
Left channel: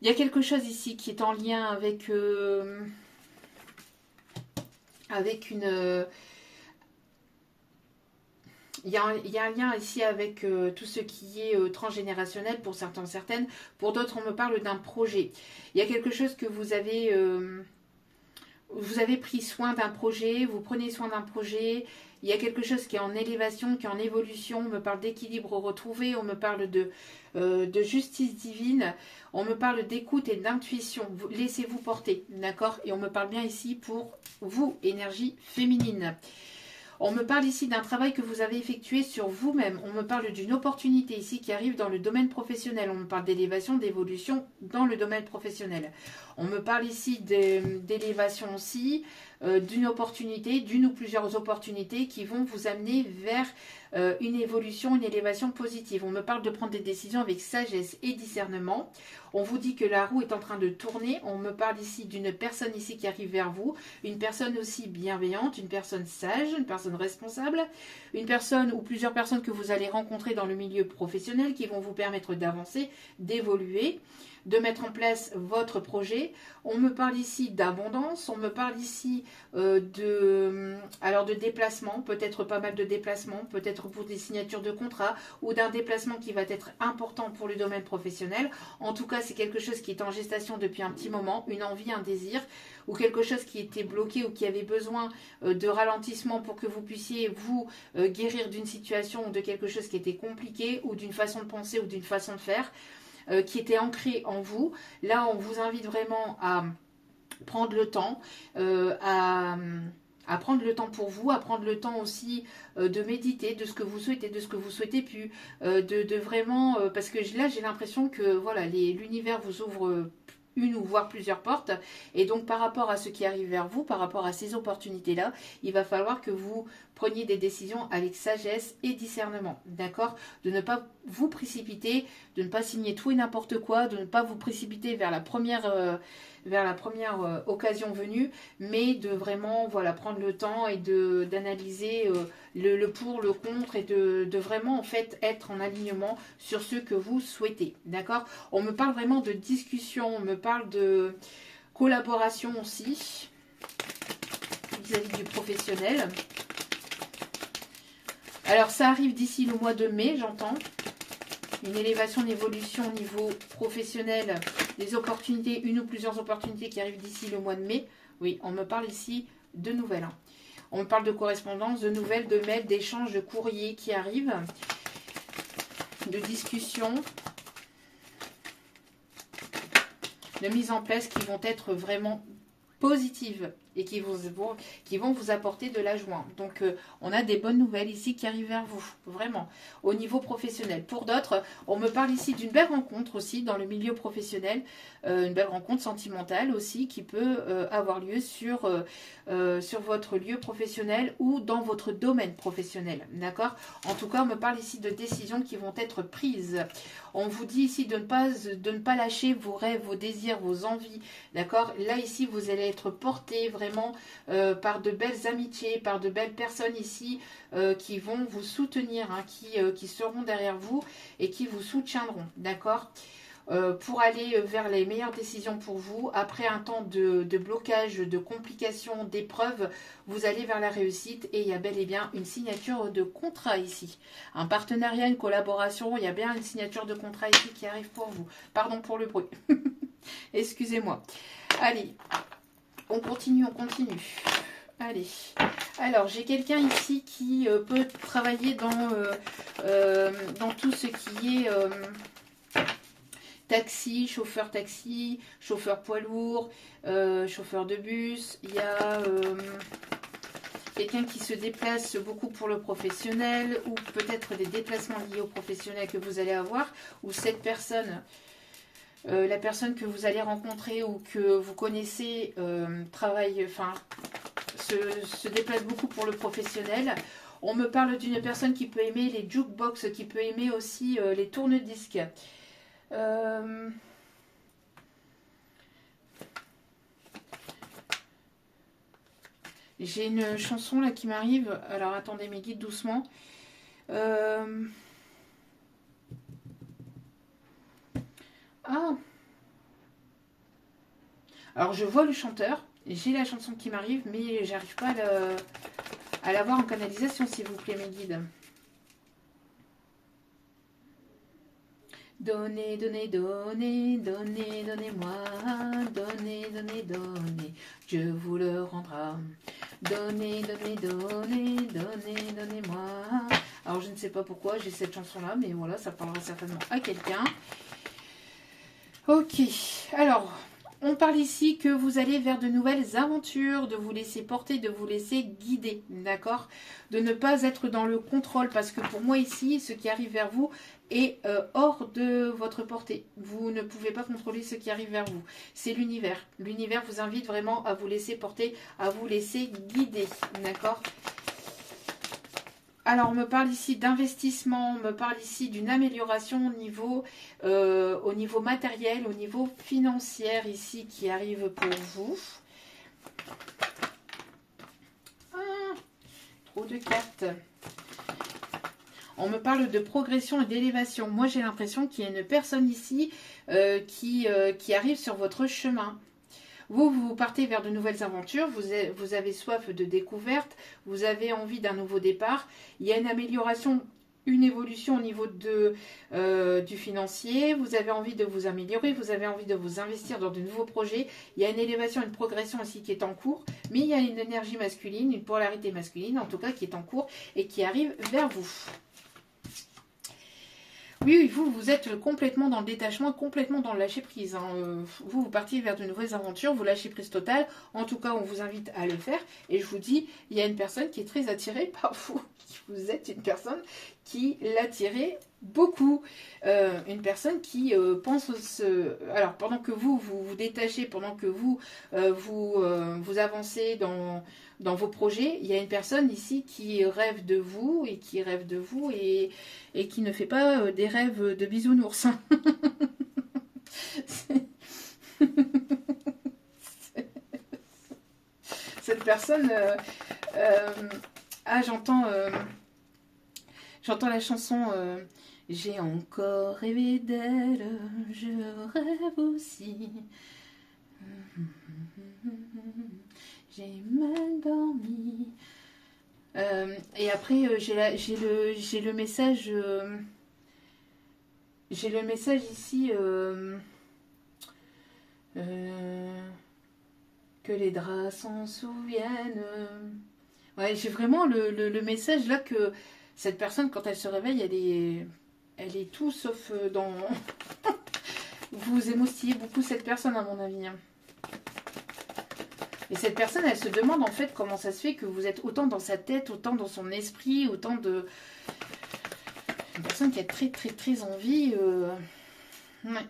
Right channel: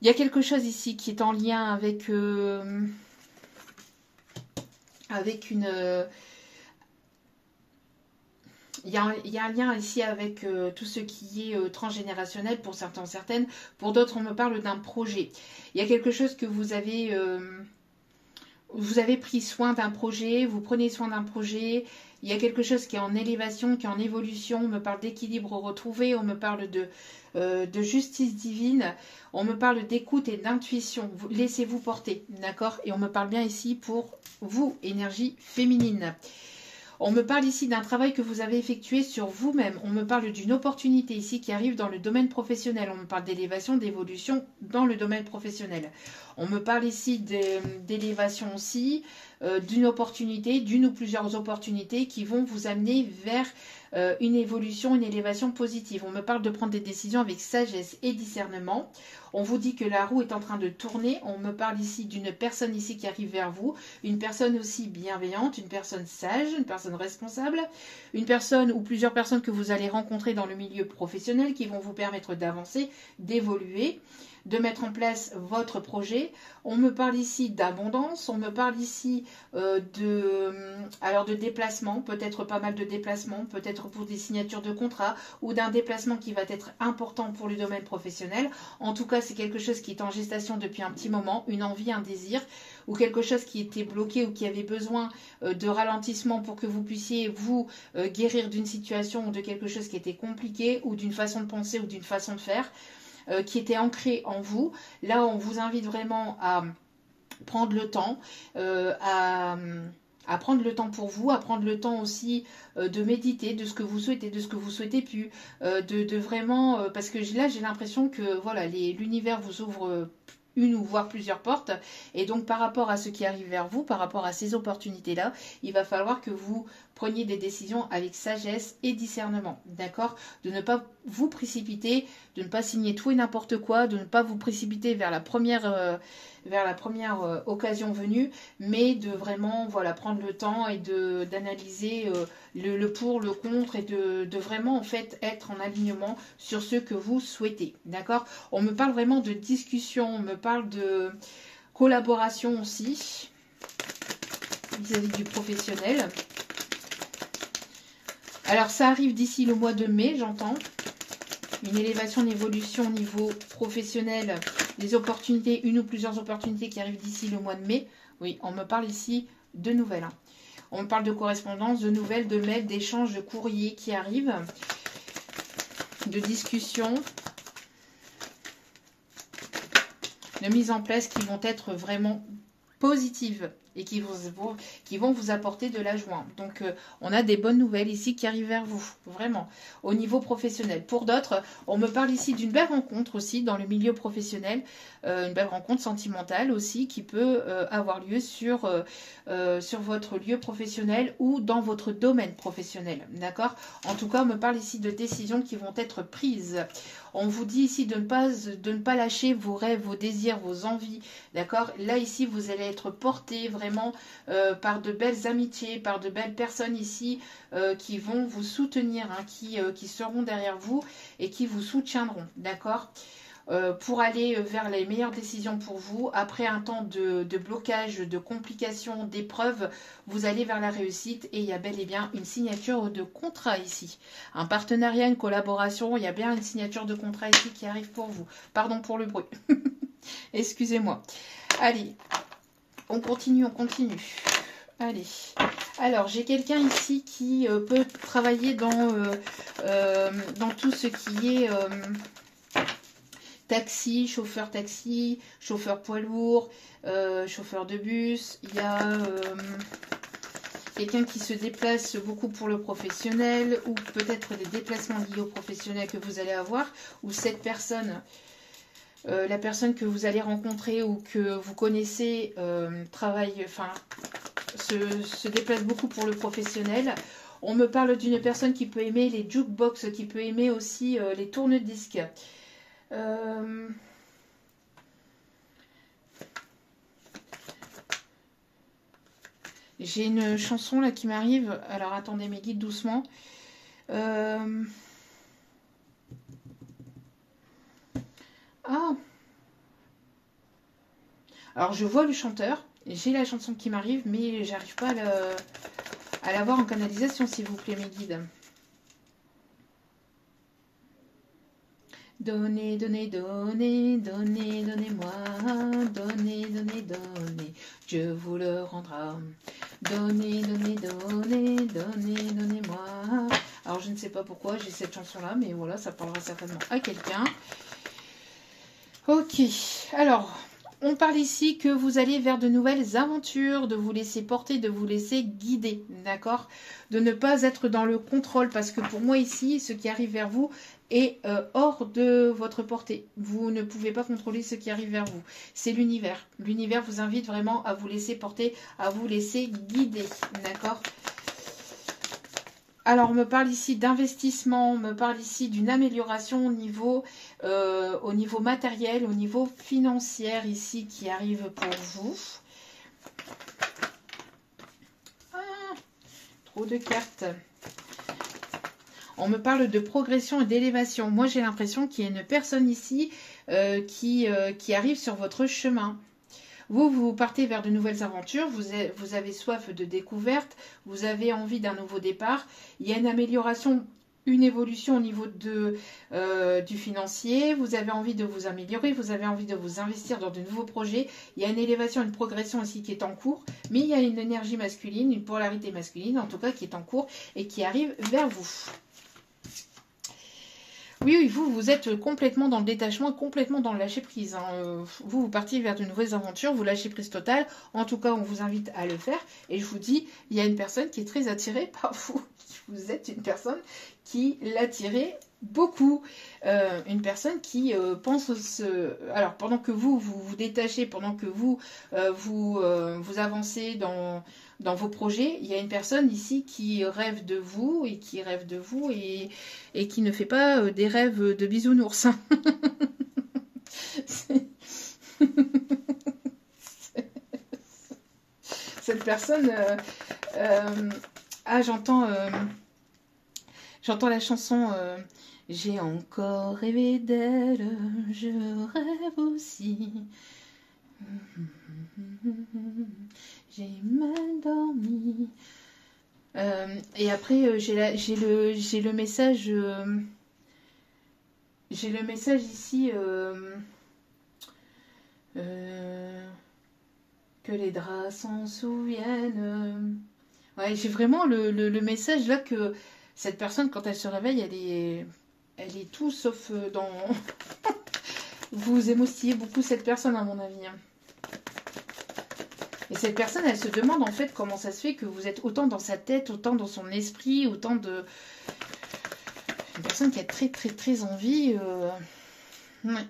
il y a quelque chose ici qui est en lien avec une... Il y a un lien ici avec tout ce qui est transgénérationnel pour certains, certaines. Pour d'autres, on me parle d'un projet. Il y a quelque chose que vous avez pris soin d'un projet, vous prenez soin d'un projet. Il y a quelque chose qui est en élévation, qui est en évolution. On me parle d'équilibre retrouvé, on me parle de justice divine. On me parle d'écoute et d'intuition. Laissez-vous porter, d'accord? Et on me parle bien ici pour vous, énergie féminine. On me parle ici d'un travail que vous avez effectué sur vous-même. On me parle d'une opportunité ici qui arrive dans le domaine professionnel. On me parle d'élévation, d'évolution dans le domaine professionnel. On me parle ici d'élévation aussi, d'une opportunité, d'une ou plusieurs opportunités qui vont vous amener vers une évolution, une élévation positive. On me parle de prendre des décisions avec sagesse et discernement. On vous dit que la roue est en train de tourner. On me parle ici d'une personne ici qui arrive vers vous. Une personne aussi bienveillante, une personne sage, une personne responsable. Une personne ou plusieurs personnes que vous allez rencontrer dans le milieu professionnel qui vont vous permettre d'avancer, d'évoluer, de mettre en place votre projet. On me parle ici d'abondance, on me parle ici de déplacement, peut-être pas mal de déplacements, peut-être pour des signatures de contrat ou d'un déplacement qui va être important pour le domaine professionnel. En tout cas, c'est quelque chose qui est en gestation depuis un petit moment, une envie, un désir, ou quelque chose qui était bloqué ou qui avait besoin de ralentissement pour que vous puissiez vous guérir d'une situation ou de quelque chose qui était compliqué ou d'une façon de penser ou d'une façon de faire. Qui était ancré en vous. Là, on vous invite vraiment à prendre le temps, à prendre le temps pour vous, à prendre le temps aussi de méditer de ce que vous souhaitez, de ce que vous souhaitez plus, de vraiment... parce que là, j'ai l'impression que voilà, l'univers vous ouvre une ou voire plusieurs portes. Et donc, par rapport à ce qui arrive vers vous, par rapport à ces opportunités-là, il va falloir que vous preniez des décisions avec sagesse et discernement. D'accord? De ne pas vous précipiter, de ne pas signer tout et n'importe quoi, de ne pas vous précipiter vers la première occasion venue, mais de vraiment voilà, prendre le temps et d'analyser le pour, le contre et de vraiment en fait être en alignement sur ce que vous souhaitez. D'accord? On me parle vraiment de discussion, on me parle de collaboration aussi vis-à-vis du professionnel. Alors ça arrive d'ici le mois de mai, j'entends. Une élévation, une évolution au niveau professionnel, des opportunités, une ou plusieurs opportunités qui arrivent d'ici le mois de mai. Oui, on me parle ici de nouvelles. On me parle de correspondance, de nouvelles, de mails, d'échanges, de courriers qui arrivent, de discussions, de mise en place qui vont être vraiment positives et qui vont vous apporter de la joie. Donc, on a des bonnes nouvelles ici qui arrivent vers vous, vraiment, au niveau professionnel. Pour d'autres, on me parle ici d'une belle rencontre aussi dans le milieu professionnel, une belle rencontre sentimentale aussi qui peut avoir lieu sur votre lieu professionnel ou dans votre domaine professionnel. D'accord? En tout cas, on me parle ici de décisions qui vont être prises. On vous dit ici de ne pas lâcher vos rêves, vos désirs, vos envies. D'accord? Là, ici, vous allez être porté vraiment vraiment par de belles amitiés, par de belles personnes ici qui vont vous soutenir, hein, qui seront derrière vous et qui vous soutiendront, d'accord, pour aller vers les meilleures décisions pour vous. Après un temps de blocage, de complications, d'épreuves, vous allez vers la réussite et il y a bel et bien une signature de contrat ici. Un partenariat, une collaboration, il y a bien une signature de contrat ici qui arrive pour vous. Pardon pour le bruit. Excusez-moi. Allez, on continue, on continue. Allez, alors j'ai quelqu'un ici qui peut travailler dans tout ce qui est taxi, chauffeur poids lourd, chauffeur de bus. Il y a quelqu'un qui se déplace beaucoup pour le professionnel ou peut-être des déplacements liés au professionnel que vous allez avoir, ou cette personne, la personne que vous allez rencontrer ou que vous connaissez travaille, enfin, se déplace beaucoup pour le professionnel. On me parle d'une personne qui peut aimer les jukebox, qui peut aimer aussi les tourne-disques. J'ai une chanson là qui m'arrive. Alors attendez mes guides doucement. Ah, alors je vois le chanteur. J'ai la chanson qui m'arrive, mais j'arrive pas à l'avoir en canalisation, s'il vous plaît, mes guides. Donnez, donnez, donnez, donnez, donnez-moi, donnez, donnez, donnez, Dieu vous le rendra. Donnez, donnez, donnez, donnez, donnez-moi. Alors je ne sais pas pourquoi j'ai cette chanson-là, mais voilà, ça parlera certainement à quelqu'un. Ok, alors, on parle ici que vous allez vers de nouvelles aventures, de vous laisser porter, de vous laisser guider, d'accord? De ne pas être dans le contrôle, parce que pour moi ici, ce qui arrive vers vous est hors de votre portée. Vous ne pouvez pas contrôler ce qui arrive vers vous. C'est l'univers. L'univers vous invite vraiment à vous laisser porter, à vous laisser guider, d'accord? Alors, on me parle ici d'investissement, on me parle ici d'une amélioration au niveau matériel, au niveau financier ici qui arrive pour vous. Ah, trop de cartes. On me parle de progression et d'élévation. Moi, j'ai l'impression qu'il y a une personne ici qui arrive sur votre chemin. Vous partez vers de nouvelles aventures, vous avez soif de découverte, vous avez envie d'un nouveau départ. Il y a une amélioration, une évolution au niveau du financier. Vous avez envie de vous améliorer, vous avez envie de vous investir dans de nouveaux projets. Il y a une élévation, une progression aussi qui est en cours. Mais il y a une énergie masculine, une polarité masculine en tout cas qui est en cours et qui arrive vers vous. Oui, vous êtes complètement dans le détachement, complètement dans le lâcher-prise. Hein. Vous partez vers de nouvelles aventures, vous lâchez prise totale. En tout cas, on vous invite à le faire. Et je vous dis, il y a une personne qui est très attirée par vous. Vous êtes une personne qui l'attirez beaucoup. Une personne qui pense... Alors, pendant que vous vous détachez, pendant que vous avancez dans vos projets, il y a une personne ici qui rêve de vous et qui qui ne fait pas des rêves de bisounours. Cette personne... j'entends la chanson J'ai encore rêvé d'elle, je rêve aussi. J'ai mal dormi. Et après, j'ai le message. J'ai le message ici. Que les draps s'en souviennent. Ouais, j'ai vraiment le message là que cette personne, quand elle se réveille, elle est tout sauf dans. Vous émoustillez beaucoup cette personne, à mon avis. Et cette personne, elle se demande en fait comment ça se fait que vous êtes autant dans sa tête, autant dans son esprit, autant de... Une personne qui a très très très envie... Ouais,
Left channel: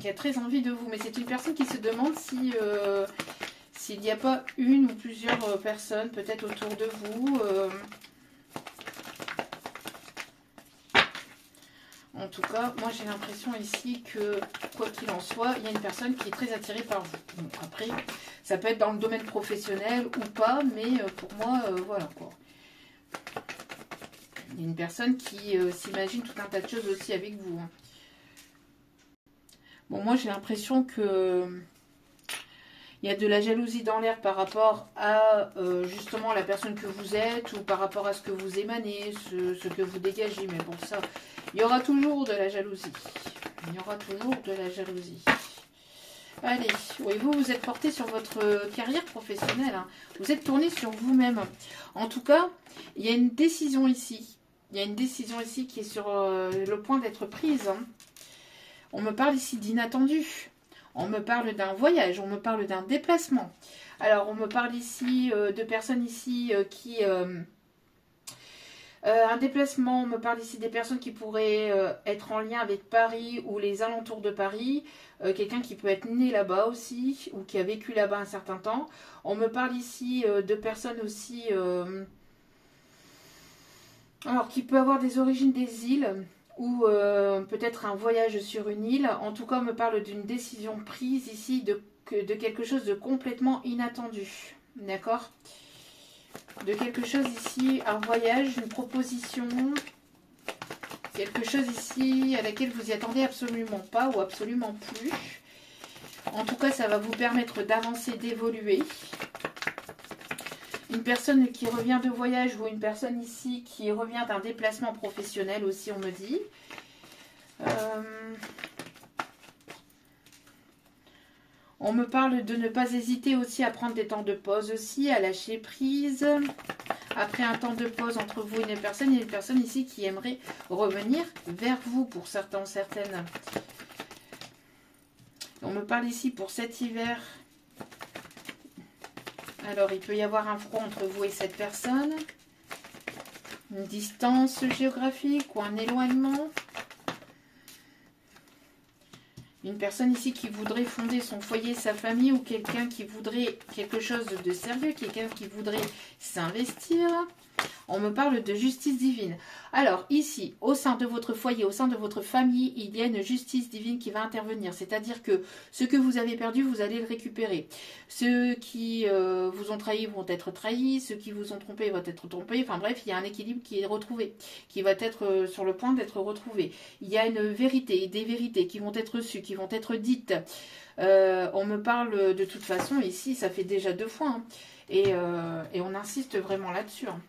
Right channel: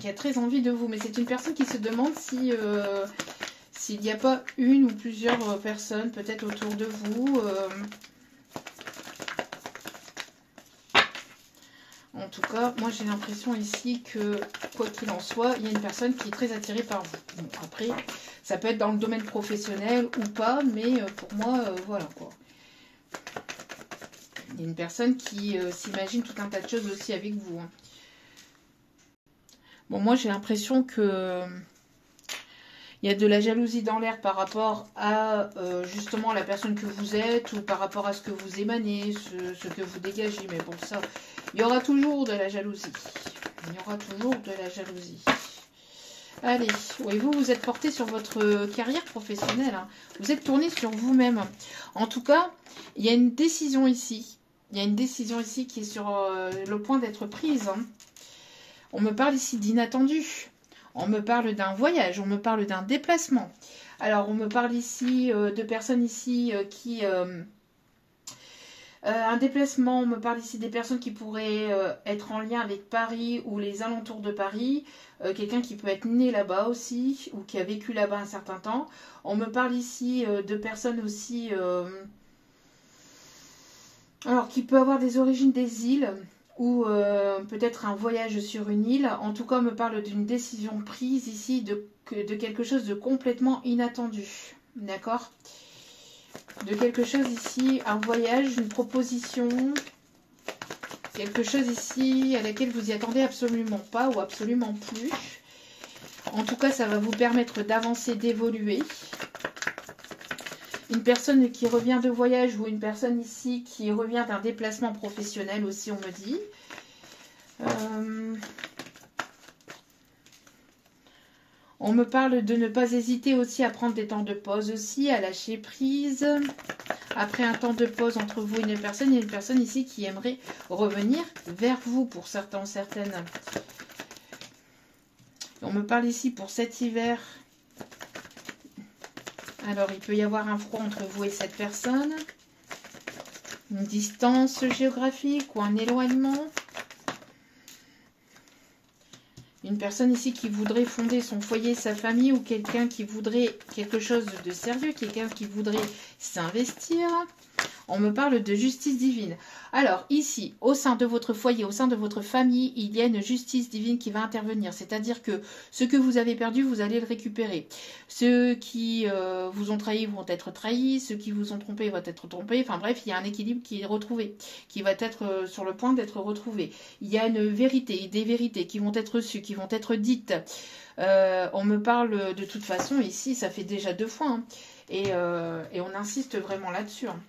qui a très envie de vous. Mais c'est une personne qui se demande si... s'il n'y a pas une ou plusieurs personnes peut-être autour de vous. On En tout cas, moi j'ai l'impression ici que, quoi qu'il en soit, il y a une personne qui est très attirée par vous. Bon, après, ça peut être dans le domaine professionnel ou pas, mais pour moi, voilà quoi. Il y a une personne qui s'imagine tout un tas de choses aussi avec vous. Hein. Bon, moi j'ai l'impression que il y a de la jalousie dans l'air par rapport à justement la personne que vous êtes ou par rapport à ce que vous émanez, ce que vous dégagez. Mais pour ça, il y aura toujours de la jalousie. Il y aura toujours de la jalousie. Allez, oui, vous êtes porté sur votre carrière professionnelle. Hein. Vous êtes tourné sur vous-même. En tout cas, il y a une décision ici. Il y a une décision ici qui est sur le point d'être prise. Hein. On me parle ici d'inattendu. On me parle d'un voyage, on me parle d'un déplacement. Alors, on me parle ici de personnes ici qui... un déplacement, on me parle ici des personnes qui pourraient être en lien avec Paris ou les alentours de Paris. Quelqu'un qui peut être né là-bas aussi ou qui a vécu là-bas un certain temps. On me parle ici de personnes aussi... alors, qui peut avoir des origines des îles... ou peut-être un voyage sur une île. En tout cas, on me parle d'une décision prise ici de quelque chose de complètement inattendu. D'accord? De quelque chose ici, un voyage, une proposition, quelque chose ici à laquelle vous y attendez absolument pas ou absolument plus. En tout cas, ça va vous permettre d'avancer, d'évoluer. Une personne qui revient de voyage ou une personne ici qui revient d'un déplacement professionnel aussi, on me dit. On me parle de ne pas hésiter aussi à prendre des temps de pause aussi, à lâcher prise. Après un temps de pause entre vous et une personne ici qui aimerait revenir vers vous pour certains ou certaines. On me parle ici pour cet hiver. Alors, il peut y avoir un froid entre vous et cette personne. Une distance géographique ou un éloignement. Une personne ici qui voudrait fonder son foyer, sa famille, ou quelqu'un qui voudrait quelque chose de sérieux, quelqu'un qui voudrait s'investir. On me parle de justice divine. Alors ici, au sein de votre foyer, au sein de votre famille, il y a une justice divine qui va intervenir. C'est-à-dire que ce que vous avez perdu, vous allez le récupérer. Ceux qui vous ont trahi vont être trahis, ceux qui vous ont trompé vont être trompés. Enfin bref, il y a un équilibre qui est retrouvé, qui va être sur le point d'être retrouvé. Il y a une vérité, des vérités qui vont être reçues, qui vont être dites. On me parle de toute façon, ici, ça fait déjà 2 fois. Hein, et on insiste vraiment là-dessus. Hein.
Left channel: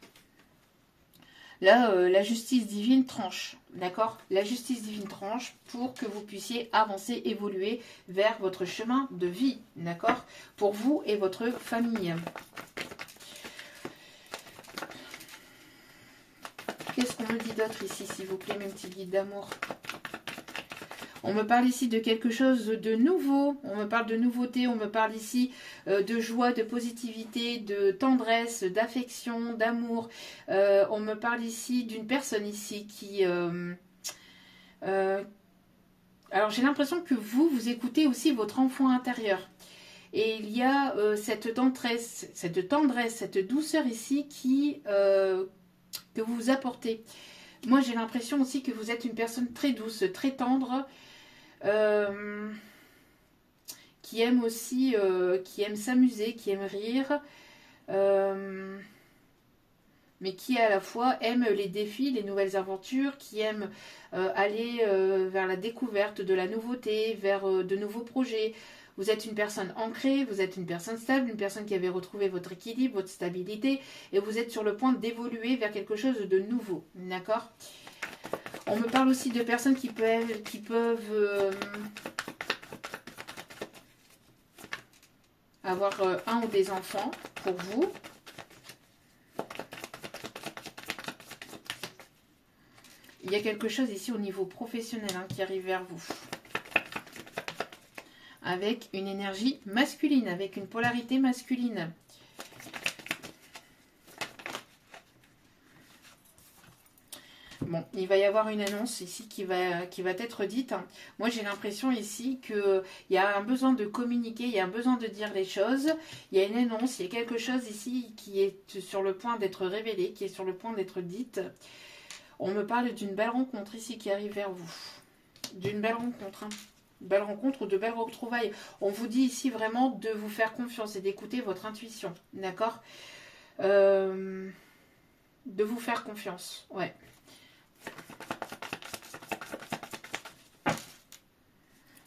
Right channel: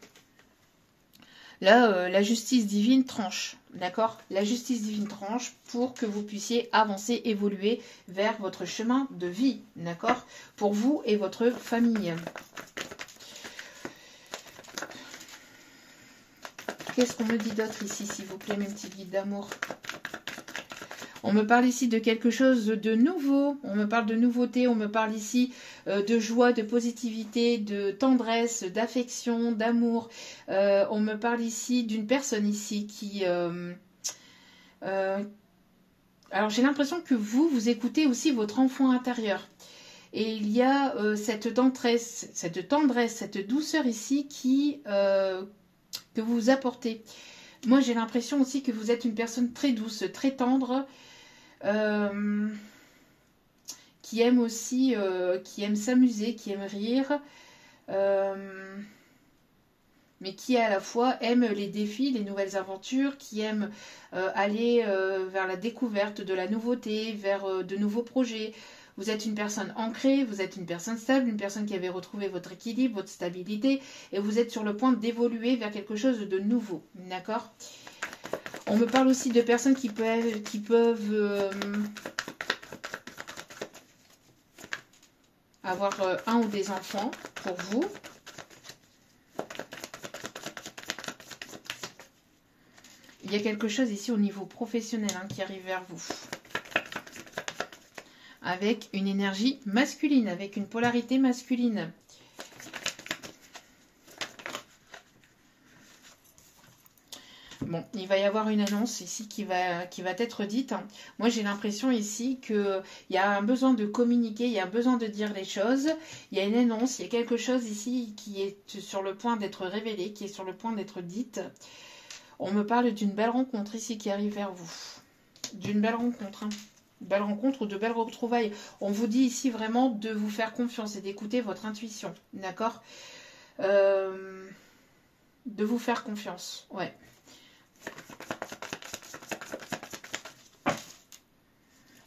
Là, la justice divine tranche, d'accord? La justice divine tranche pour que vous puissiez avancer, évoluer vers votre chemin de vie, d'accord? Pour vous et votre famille. Qu'est-ce qu'on me dit d'autre ici, s'il vous plaît, mes petits guides d'amour? On me parle ici de quelque chose de nouveau, on me parle de nouveauté, on me parle ici de joie, de positivité, de tendresse, d'affection, d'amour. On me parle ici d'une personne ici qui... alors j'ai l'impression que vous écoutez aussi votre enfant intérieur. Et il y a cette tendresse, cette douceur ici que vous apportez. Moi j'ai l'impression aussi que vous êtes une personne très douce, très tendre, qui aime aussi, qui aime s'amuser, qui aime rire, mais qui à la fois aime les défis, les nouvelles aventures, qui aime aller vers la découverte de la nouveauté, vers de nouveaux projets. Vous êtes une personne ancrée, vous êtes une personne stable, une personne qui avait retrouvé votre équilibre, votre stabilité, et vous êtes sur le point d'évoluer vers quelque chose de nouveau, d'accord ? On me parle aussi de personnes qui peuvent avoir un ou des enfants pour vous. Il y a quelque chose ici au niveau professionnel qui arrive vers vous. Avec une énergie masculine, avec une polarité masculine. Bon, il va y avoir une annonce ici qui va être dite. Moi, j'ai l'impression ici qu'il y a un besoin de communiquer, il y a un besoin de dire les choses. Il y a une annonce, il y a quelque chose ici qui est sur le point d'être révélé, qui est sur le point d'être dite. On me parle d'une belle rencontre ici qui arrive vers vous. D'une belle rencontre, hein. Belle rencontre ou de belles retrouvailles. On vous dit ici vraiment de vous faire confiance et d'écouter votre intuition. D'accord, de vous faire confiance. Ouais.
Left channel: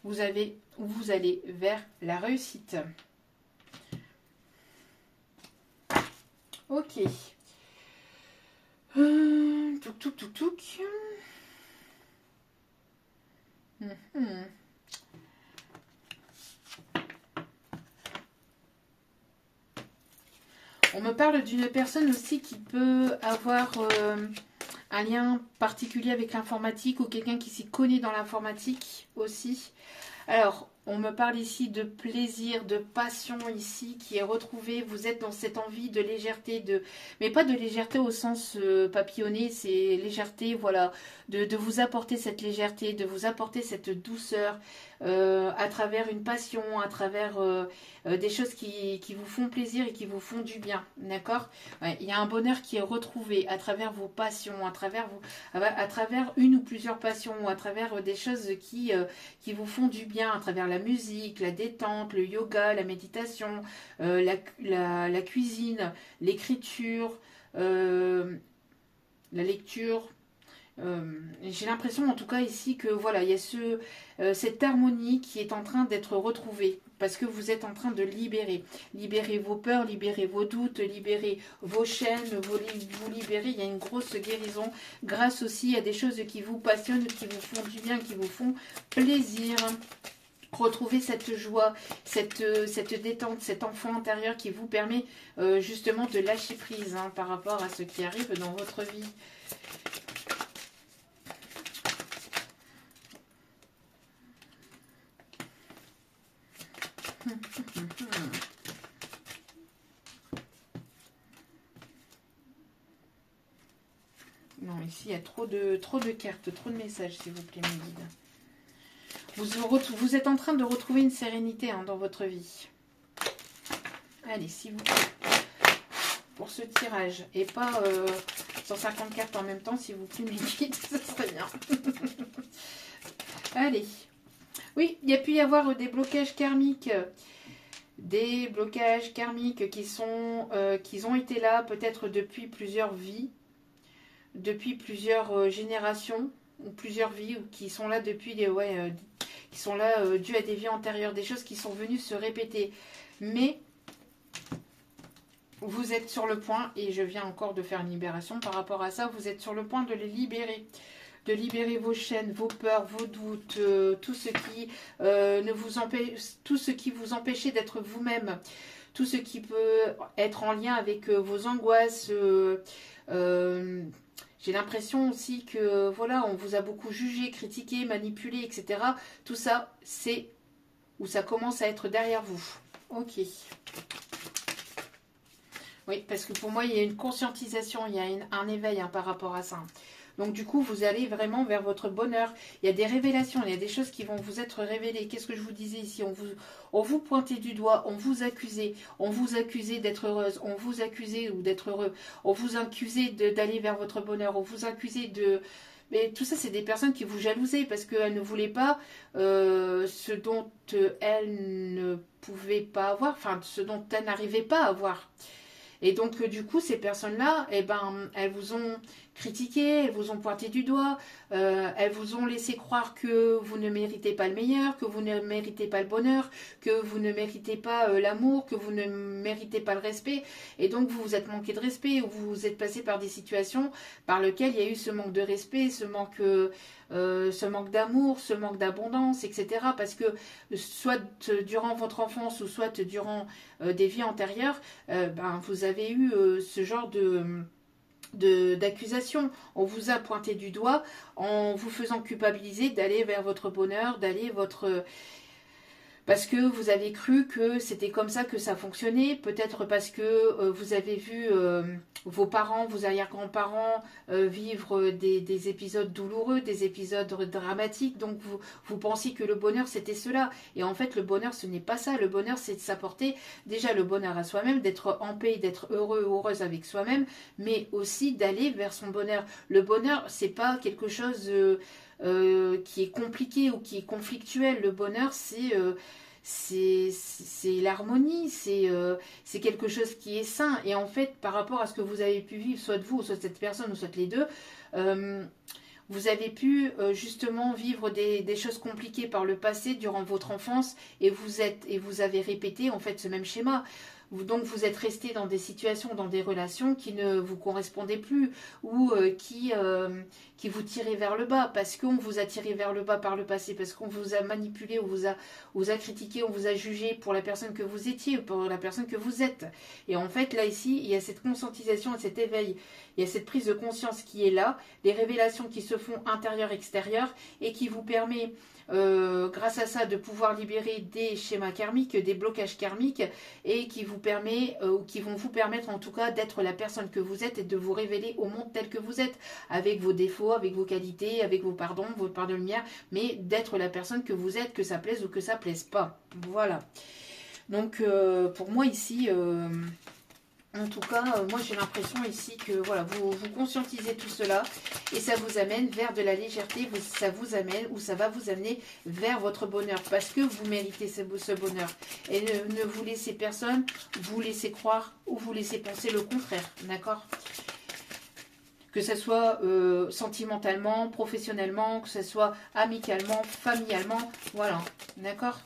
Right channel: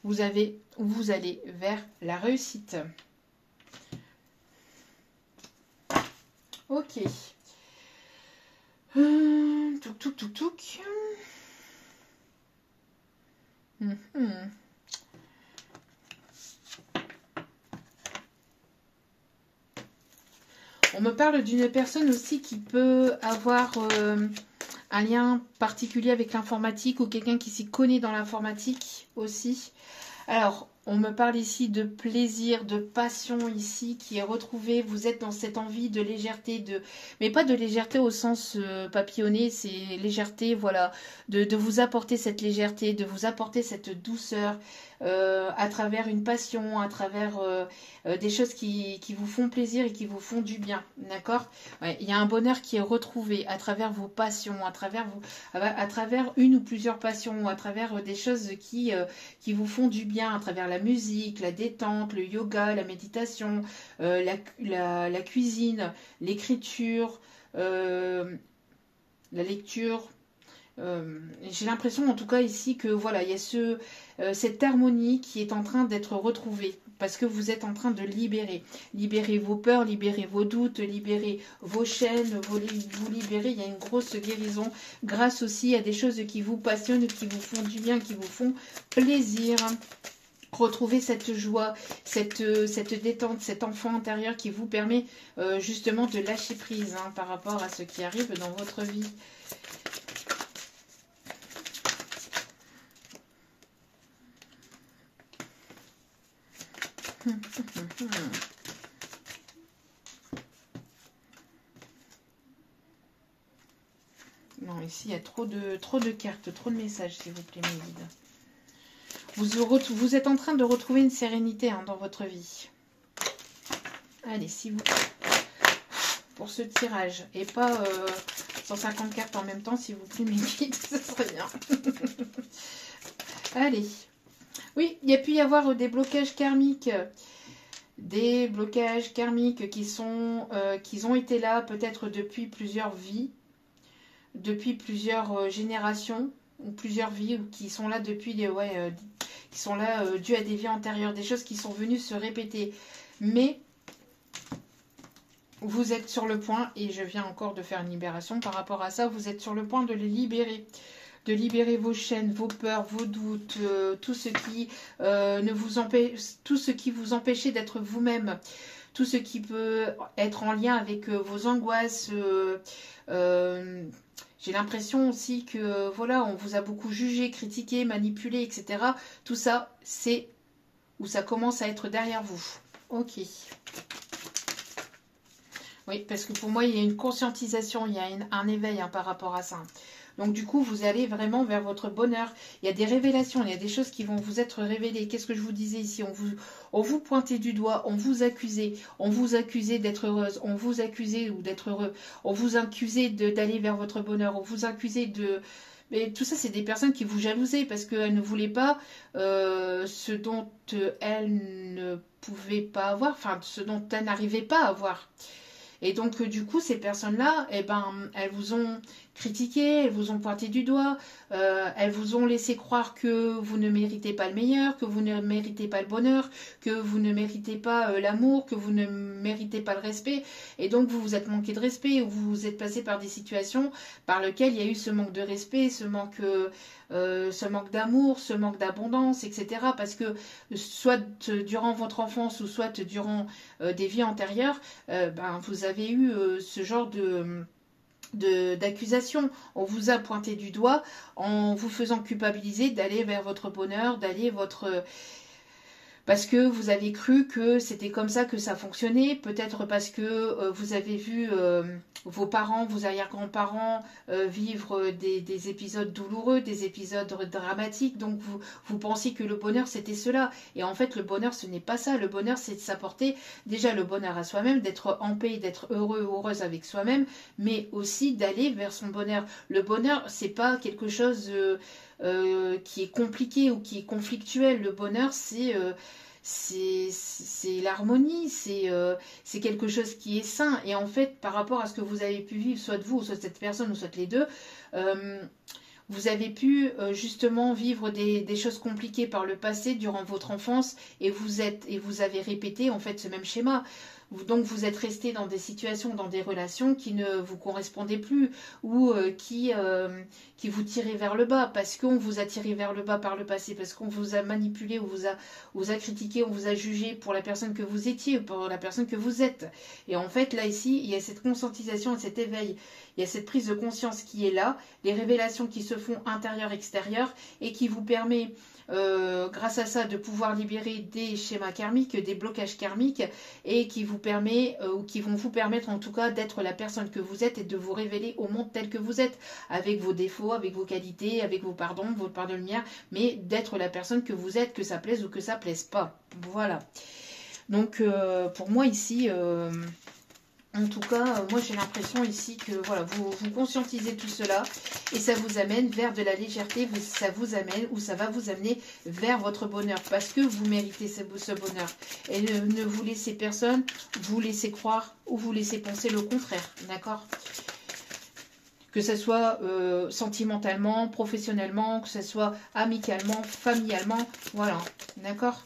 Vous allez vers la réussite. Ok. Touc, touc, touc, touc. On me parle d'une personne aussi qui peut avoir un lien particulier avec l'informatique ou quelqu'un qui s'y connaît dans l'informatique aussi. Alors, on me parle ici de plaisir, de passion ici qui est retrouvée. Vous êtes dans cette envie de légèreté, mais pas de légèreté au sens papillonné, c'est légèreté, voilà, de vous apporter cette légèreté, de vous apporter cette douceur à travers une passion, à travers des choses qui vous font plaisir et qui vous font du bien, d'accord? Ouais, il y a un bonheur qui est retrouvé à travers vos passions, à travers une ou plusieurs passions, à travers des choses qui vous font du bien, à travers la musique, la détente, le yoga, la méditation, la cuisine, l'écriture, la lecture. J'ai l'impression en tout cas ici que voilà, il y a cette harmonie qui est en train d'être retrouvée parce que vous êtes en train de libérer vos peurs, libérer vos doutes, libérer vos chaînes, vous libérer. Il y a une grosse guérison grâce aussi à des choses qui vous passionnent, qui vous font du bien, qui vous font plaisir. Retrouver cette joie, cette détente, cet enfant intérieur qui vous permet justement de lâcher prise hein, par rapport à ce qui arrive dans votre vie. Non, ici il y a trop de cartes, trop de messages, s'il vous plaît, mes guides. Vous êtes en train de retrouver une sérénité hein, dans votre vie. Allez, s'il vous plaît. Pour ce tirage. Et pas 150 cartes en même temps, s'il vous plaît, mes guides, ce serait bien. Allez. Oui, il y a pu y avoir des blocages karmiques. Des blocages karmiques qui ont été là peut-être depuis plusieurs vies, depuis plusieurs générations, ou plusieurs vies, ou qui sont là depuis qui sont là dues à des vies antérieures, des choses qui sont venues se répéter. Mais vous êtes sur le point, et je viens encore de faire une libération par rapport à ça, vous êtes sur le point de les libérer. De libérer vos chaînes, vos peurs, vos doutes, tout ce qui vous empêchait d'être vous-même, tout ce qui peut être en lien avec vos angoisses. J'ai l'impression aussi que voilà, on vous a beaucoup jugé, critiqué, manipulé, etc. Tout ça, c'est où ça commence à être derrière vous. Ok. Oui, parce que pour moi, il y a une conscientisation, il y a un éveil hein, par rapport à ça. Donc du coup, vous allez vraiment vers votre bonheur. Il y a des révélations, il y a des choses qui vont vous être révélées. Qu'est-ce que je vous disais ici? On vous pointait du doigt, on vous accusait d'être heureuse, on vous accusait ou d'être heureux, on vous accusait d'aller vers votre bonheur, on vous accusait de... Mais tout ça, c'est des personnes qui vous jalousaient parce qu'elles ne voulaient pas ce dont elles ne pouvaient pas avoir, enfin, ce dont elles n'arrivaient pas à avoir. Et donc, du coup, ces personnes-là, eh ben, elles vous ont critiqué, elles vous ont pointé du doigt, elles vous ont laissé croire que vous ne méritez pas le meilleur, que vous ne méritez pas le bonheur, que vous ne méritez pas l'amour, que vous ne méritez pas le respect. Et donc, vous vous êtes manqué de respect, ou vous êtes passé par des situations par lesquelles il y a eu ce manque de respect, ce manque d'amour, ce manque d'abondance, etc. Parce que soit durant votre enfance ou soit durant des vies antérieures, vous avez eu ce genre d'accusation. On vous a pointé du doigt en vous faisant culpabiliser d'aller vers votre bonheur, d'aller parce que vous avez cru que c'était comme ça que ça fonctionnait, peut-être parce que vous avez vu vos parents, vos arrière-grands-parents vivre des épisodes douloureux, des épisodes dramatiques, donc vous pensiez que le bonheur c'était cela, et en fait le bonheur ce n'est pas ça, le bonheur c'est de s'apporter déjà le bonheur à soi-même, d'être en paix, d'être heureux, heureuse avec soi-même, mais aussi d'aller vers son bonheur. Le bonheur c'est pas quelque chose qui est compliqué ou qui est conflictuel, le bonheur c'est l'harmonie, c'est quelque chose qui est sain. Et en fait, par rapport à ce que vous avez pu vivre, soit vous, soit cette personne, ou soit les deux, vous avez pu justement vivre des choses compliquées par le passé durant votre enfance, et vous avez répété en fait ce même schéma. Donc vous êtes resté dans des situations, dans des relations qui ne vous correspondaient plus, ou qui vous tiraient vers le bas, parce qu'on vous a tiré vers le bas par le passé, parce qu'on vous a manipulé, on vous a critiqué, on vous a jugé pour la personne que vous étiez, pour la personne que vous êtes. Et en fait, là, ici, il y a cette conscientisation et cet éveil, il y a cette prise de conscience qui est là, les révélations qui se font intérieur-extérieur, et qui vous permet... grâce à ça, de pouvoir libérer des schémas karmiques, des blocages karmiques, et qui vous permet, ou qui vont vous permettre en tout cas d'être la personne que vous êtes et de vous révéler au monde tel que vous êtes, avec vos défauts, avec vos qualités, avec vos pardons de lumière, mais d'être la personne que vous êtes, que ça plaise ou que ça plaise pas. Voilà. Donc pour moi ici... en tout cas, moi j'ai l'impression ici que voilà, vous conscientisez tout cela et ça vous amène vers de la légèreté, ça vous amène ou ça va vous amener vers votre bonheur parce que vous méritez ce bonheur. Et ne vous laissez personne vous laisser croire ou vous laisser penser le contraire, d'accord ? Que ce soit sentimentalement, professionnellement, que ce soit amicalement, familialement, voilà, d'accord ?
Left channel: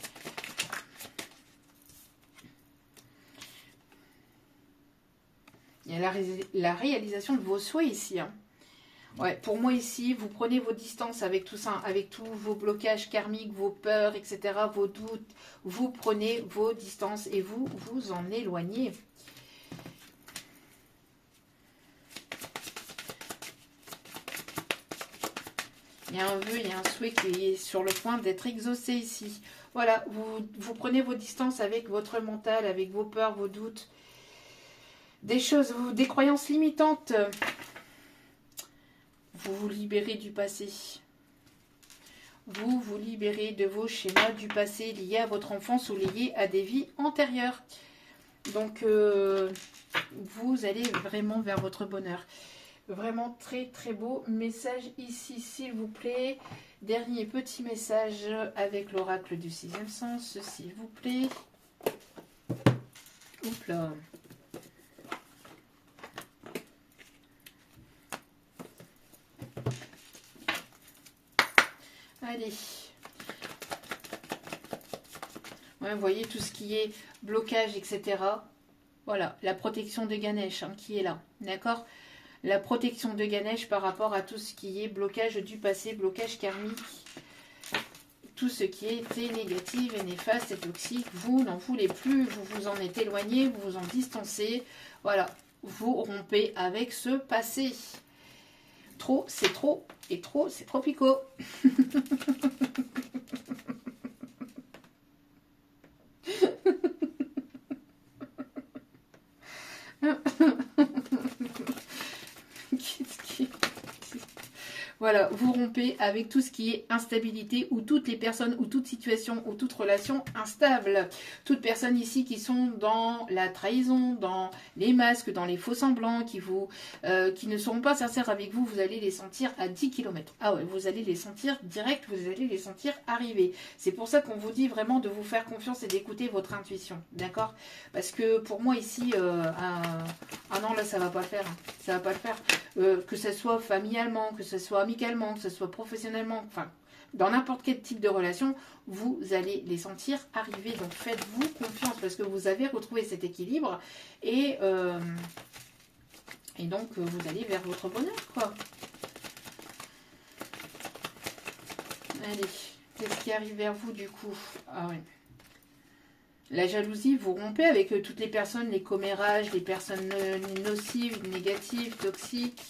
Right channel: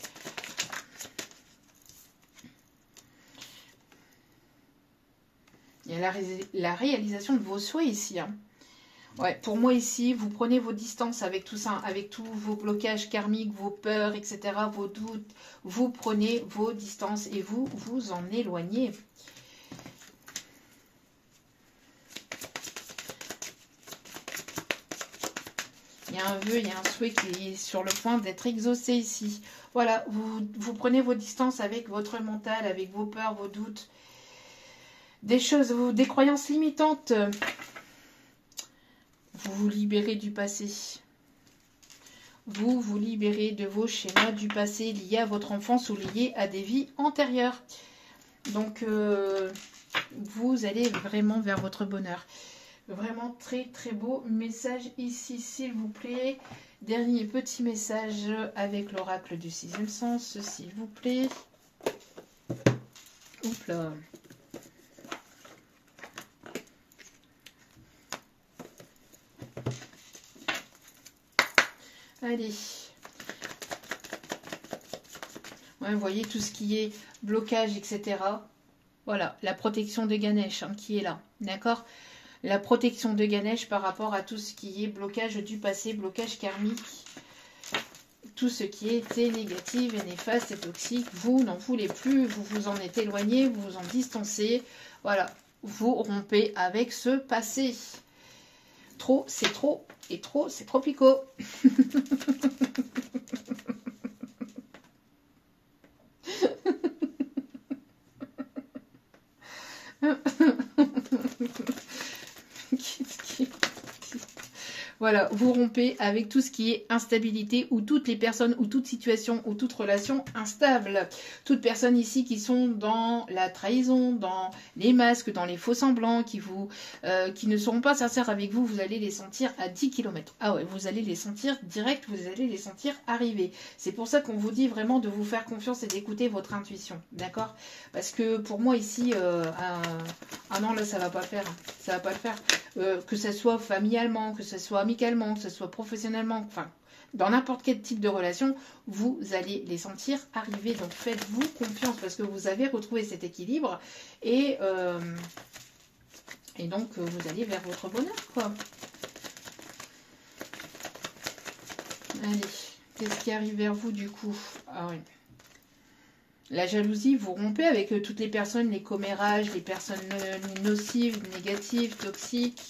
Il y a la réalisation de vos souhaits ici. Hein. Ouais, pour moi ici, vous prenez vos distances avec tout ça, avec tous vos blocages karmiques, vos peurs, etc., vos doutes. Vous prenez vos distances et vous vous en éloignez. Il y a un vœu, il y a un souhait qui est sur le point d'être exaucé ici. Voilà, vous prenez vos distances avec votre mental, avec vos peurs, vos doutes. Des choses, des croyances limitantes. Vous vous libérez du passé. Vous vous libérez de vos schémas du passé liés à votre enfance ou liés à des vies antérieures. Donc, vous allez vraiment vers votre bonheur. Vraiment très très beau message ici, s'il vous plaît. Dernier petit message avec l'oracle du sixième sens, s'il vous plaît. Oups là. Allez. Ouais, vous voyez tout ce qui est blocage, etc. Voilà, la protection de Ganesh hein, qui est là. D'accord ? La protection de Ganesh par rapport à tout ce qui est blocage du passé, blocage karmique. Tout ce qui était négatif et néfaste et toxique, vous n'en voulez plus, vous vous en êtes éloigné, vous vous en distancez. Voilà, vous rompez avec ce passé. Trop, c'est trop. Et trop, c'est trop picot. Voilà, vous rompez avec tout ce qui est instabilité ou toutes les personnes ou toute situation ou toute relation instable. Toutes personnes ici qui sont dans la trahison, dans les masques, dans les faux semblants, qui ne seront pas sincères avec vous, vous allez les sentir à 10 km. Ah ouais, vous allez les sentir direct, vous allez les sentir arriver. C'est pour ça qu'on vous dit vraiment de vous faire confiance et d'écouter votre intuition, d'accord? Parce que pour moi ici, ah non là ça va pas le faire, ça va pas le faire. Que ce soit familialement, que ce soit amicalement, que ce soit professionnellement, enfin, dans n'importe quel type de relation, vous allez les sentir arriver. Donc, faites-vous confiance parce que vous avez retrouvé cet équilibre et donc, vous allez vers votre bonheur, quoi. Allez, qu'est-ce qui arrive vers vous, du coup? Ah oui. La jalousie, vous rompez avec toutes les personnes, les commérages, les personnes nocives, négatives, toxiques.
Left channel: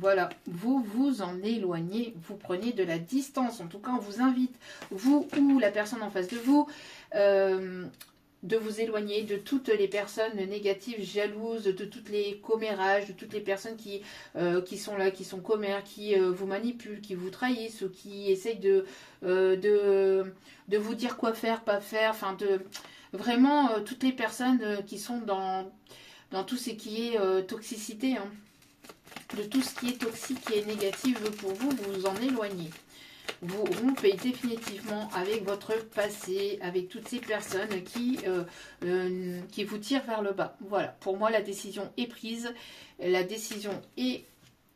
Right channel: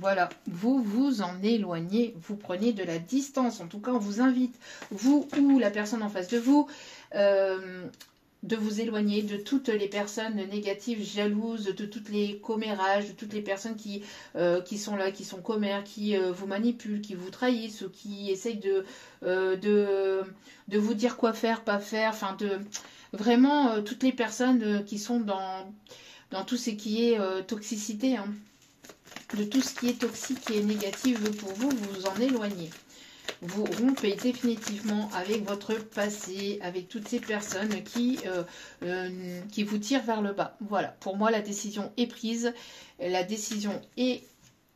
Voilà, vous vous en éloignez, vous prenez de la distance. En tout cas, on vous invite, vous ou la personne en face de vous, de vous éloigner de toutes les personnes négatives, jalouses, de toutes les commérages, de toutes les personnes qui sont là, qui sont commères, qui vous manipulent, qui vous trahissent ou qui essayent de vous dire quoi faire, pas faire. Enfin, vraiment, toutes les personnes qui sont dans tout ce qui est toxicité, hein. De tout ce qui est toxique, qui est négatif pour vous, vous vous en éloignez. Vous rompez définitivement avec votre passé, avec toutes ces personnes qui vous tirent vers le bas. Voilà, pour moi, la décision est prise. La décision est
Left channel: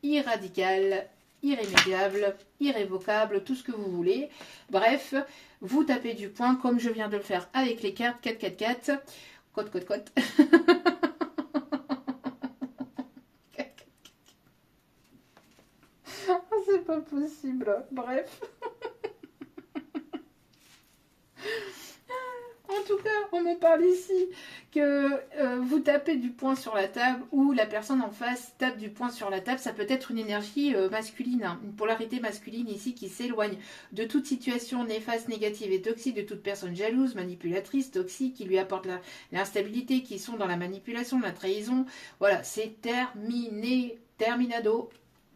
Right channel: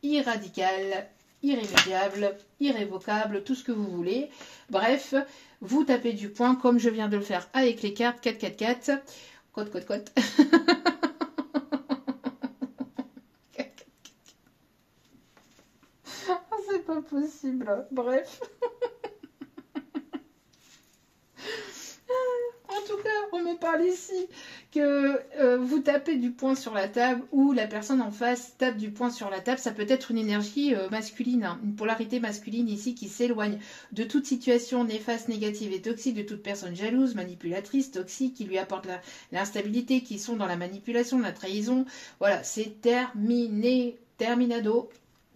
irradicale, irrémédiable, irrévocable, tout ce que vous voulez. Bref, vous tapez du poing, comme je viens de le faire avec les cartes 4, 4, 4. Cote, cote, cote. C'est pas possible. Bref. En tout cas, on me parle ici que vous tapez du poing sur la table ou la personne en face tape du poing sur la table. Ça peut être une énergie masculine, hein, une polarité masculine ici qui s'éloigne de toute situation néfaste, négative et toxique, de toute personne jalouse, manipulatrice, toxique, qui lui apporte l'instabilité, qui sont dans la manipulation, la trahison. Voilà, c'est terminé, terminado.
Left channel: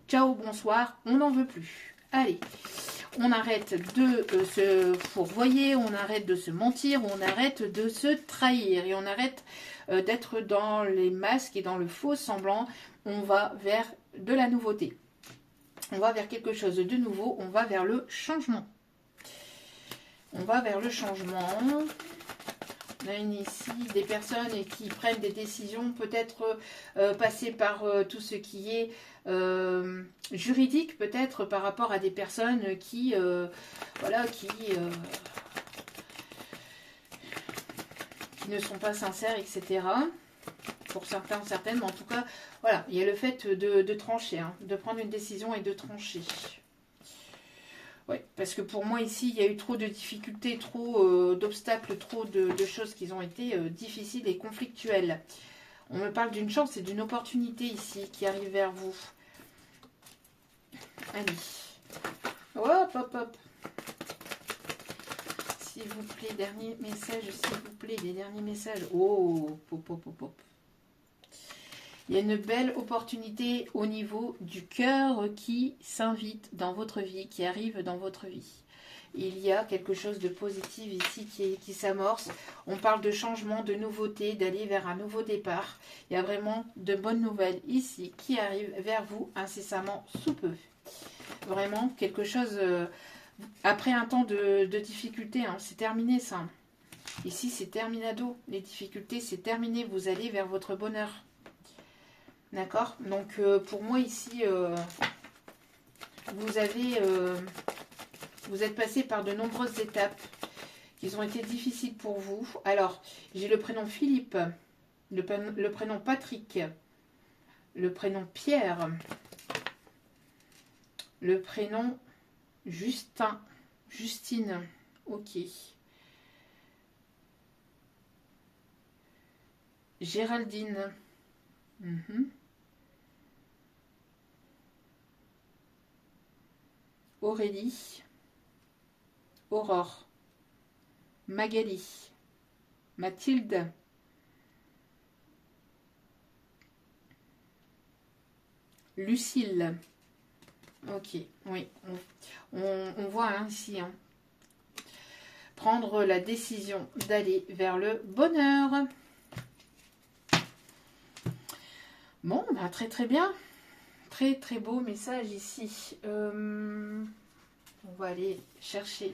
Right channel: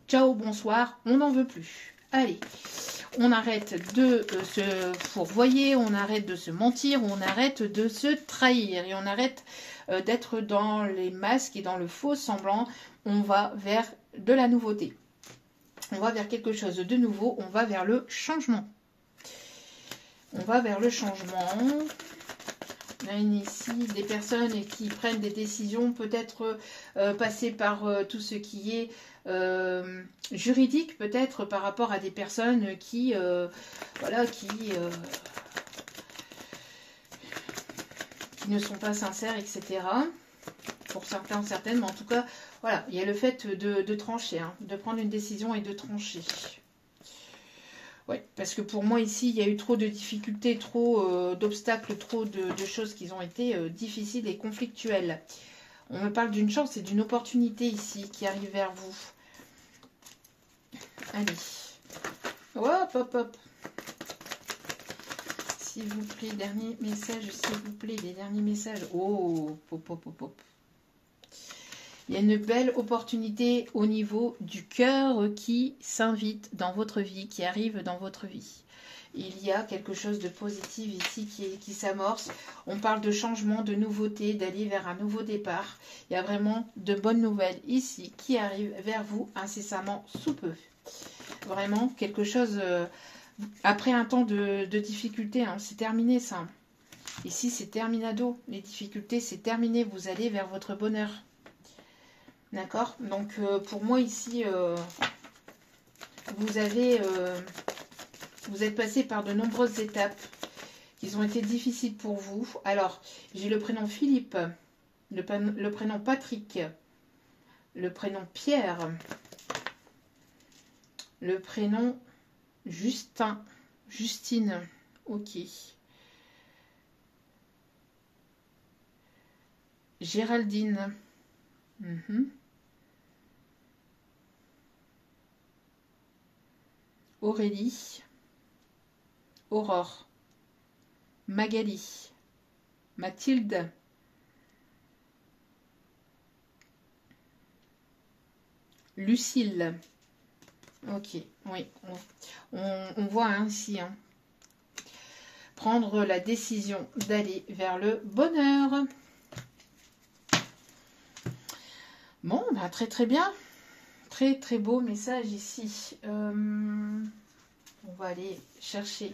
Ciao, bonsoir, on n'en veut plus. Allez, on arrête de se fourvoyer, on arrête de se mentir, on arrête de se trahir et on arrête d'être dans les masques et dans le faux semblant. On va vers de la nouveauté. On va vers quelque chose de nouveau, on va vers le changement. On va vers le changement. On a ici des personnes qui prennent des décisions, peut-être passer par tout ce qui est juridique, peut-être par rapport à des personnes qui, qui ne sont pas sincères, etc. Pour certains, certaines, mais en tout cas, voilà, il y a le fait de trancher, hein, de prendre une décision et de trancher. Ouais, parce que pour moi ici, il y a eu trop de difficultés, trop d'obstacles, trop de choses qui ont été difficiles et conflictuelles. On me parle d'une chance et d'une opportunité ici qui arrive vers vous. Allez. Hop, hop, hop. S'il vous plaît, dernier message, s'il vous plaît, les derniers messages. Oh, pop, pop, pop, pop. Il y a une belle opportunité au niveau du cœur qui s'invite dans votre vie, qui arrive dans votre vie. Il y a quelque chose de positif ici qui s'amorce. On parle de changement, de nouveauté, d'aller vers un nouveau départ. Il y a vraiment de bonnes nouvelles ici qui arrivent vers vous incessamment sous peu. Vraiment quelque chose, après un temps de difficulté, hein, c'est terminé ça. Ici c'est terminado, les difficultés c'est terminé, vous allez vers votre bonheur. D'accord? Donc pour moi ici, vous êtes passé par de nombreuses étapes qui ont été difficiles pour vous. Alors, j'ai le prénom Philippe, le prénom Patrick, le prénom Pierre, le prénom Justin, Justine, ok. Géraldine. Aurélie, Aurore, Magali, Mathilde, Lucille. Ok, oui, on voit ainsi, hein, prendre la décision d'aller vers le bonheur. Bon, bah très très bien. Très très beau message ici. On va aller chercher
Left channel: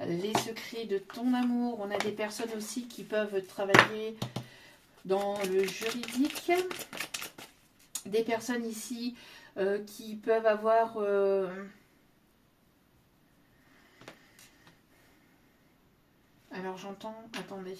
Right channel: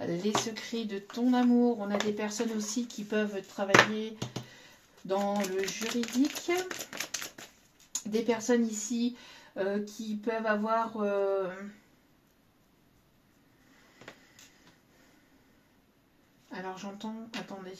les secrets de ton amour. On a des personnes aussi qui peuvent travailler dans le juridique. Des personnes ici qui peuvent avoir... Alors j'entends... Attendez.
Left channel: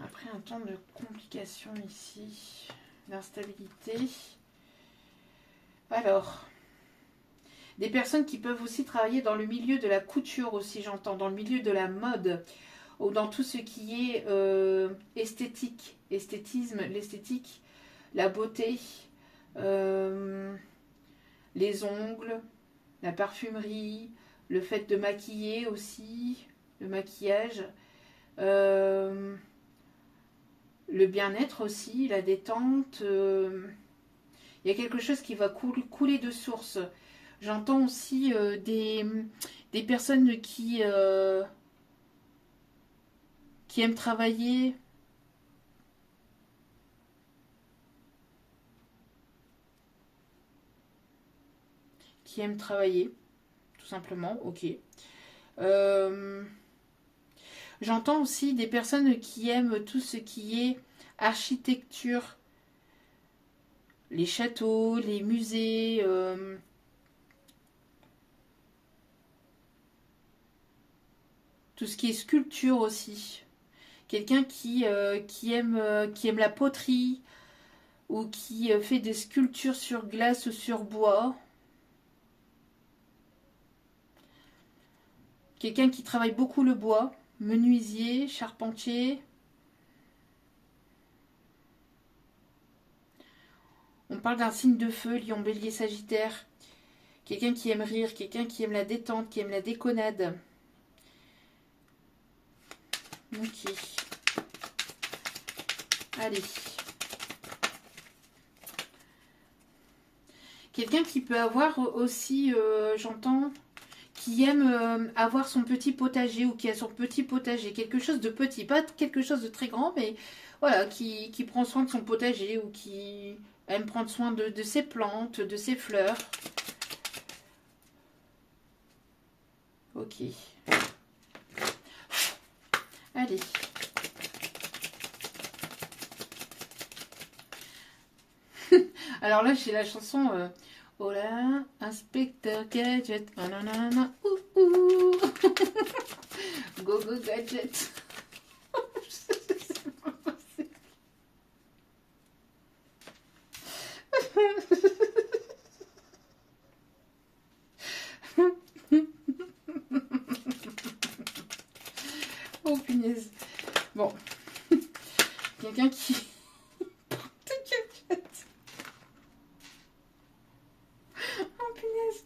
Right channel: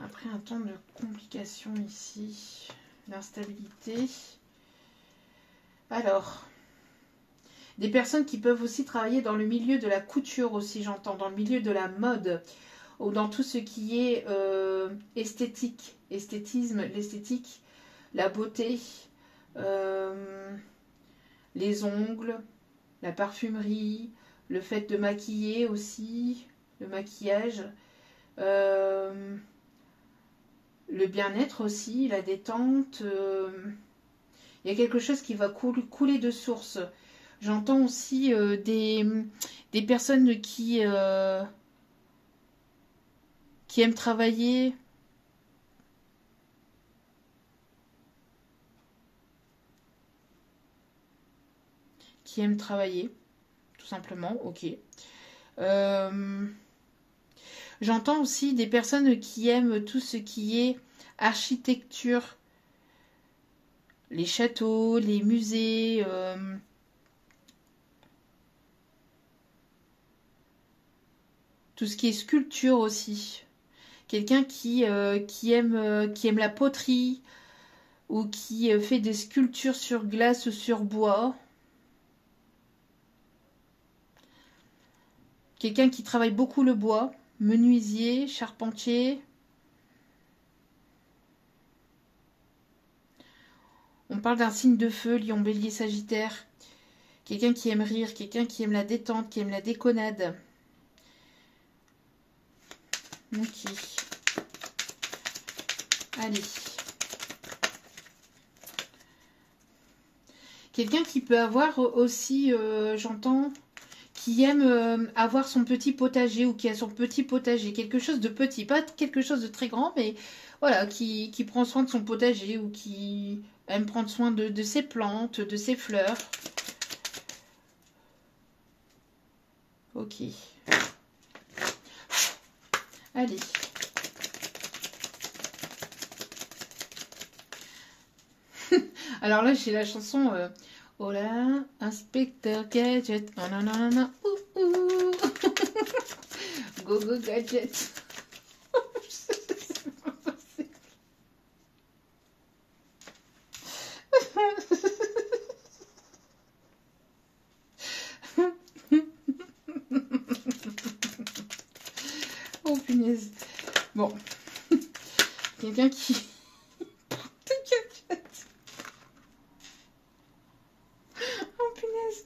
Après un temps de complication ici, d'instabilité. Alors, Des personnes qui peuvent aussi travailler dans le milieu de la couture aussi, j'entends, dans le milieu de la mode, ou dans tout ce qui est esthétique, esthétisme, l'esthétique, la beauté, les ongles, la parfumerie, le fait de maquiller aussi, le maquillage, le bien-être aussi, la détente. Il y a quelque chose qui va couler de source. J'entends aussi des personnes qui aiment travailler. Qui aiment travailler, tout simplement, ok. J'entends aussi des personnes qui aiment tout ce qui est architecture, les châteaux, les musées, tout ce qui est sculpture aussi. Quelqu'un qui aime la poterie ou qui fait des sculptures sur glace ou sur bois. Quelqu'un qui travaille beaucoup le bois, menuisier, charpentier. On parle d'un signe de feu, lion, bélier, sagittaire. Quelqu'un qui aime rire, quelqu'un qui aime la détente, qui aime la déconnade. Ok. Allez. Quelqu'un qui peut avoir aussi, j'entends, qui aime avoir son petit potager ou qui a son petit potager. Quelque chose de petit, pas quelque chose de très grand, mais voilà, qui prend soin de son potager ou qui aime prendre soin de ses plantes, de ses fleurs. Ok. Allez. Alors là, j'ai la chanson oh là, inspecteur gadget. Nanana, go go gadget. Oh punaise. Bon. Quelqu'un qui... Oh punaise.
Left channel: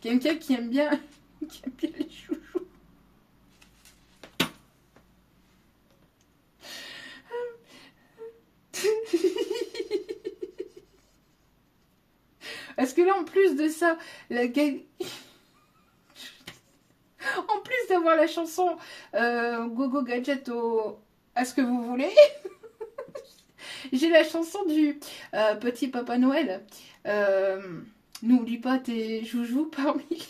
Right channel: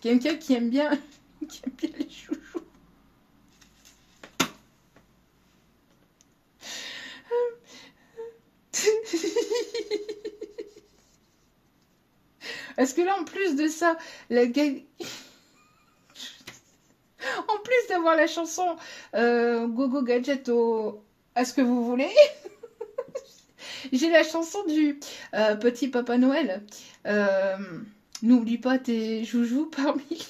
Quelqu'un qui aime bien les chouchous. Parce que là, en plus de ça, en plus d'avoir la chanson Go Go Gadget à ce que vous voulez, j'ai la chanson du Petit Papa Noël. N'oublie pas tes joujoux parmi.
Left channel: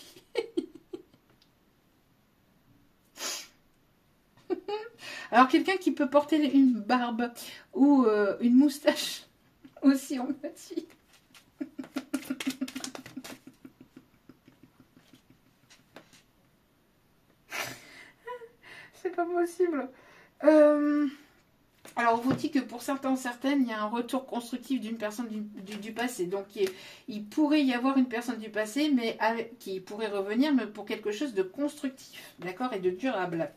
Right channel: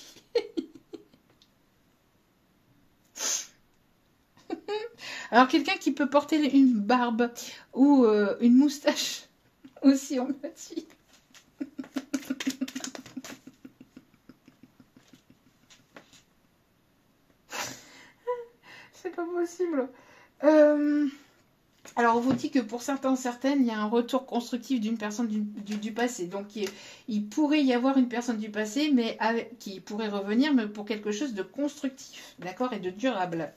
Alors, quelqu'un qui peut porter une barbe ou une moustache aussi en moitié. C'est pas possible. Alors, on vous dit que pour certains, certaines, il y a un retour constructif d'une personne du passé. Donc, il pourrait y avoir une personne du passé, mais qui pourrait revenir, mais pour quelque chose de constructif, d'accord, et de durable.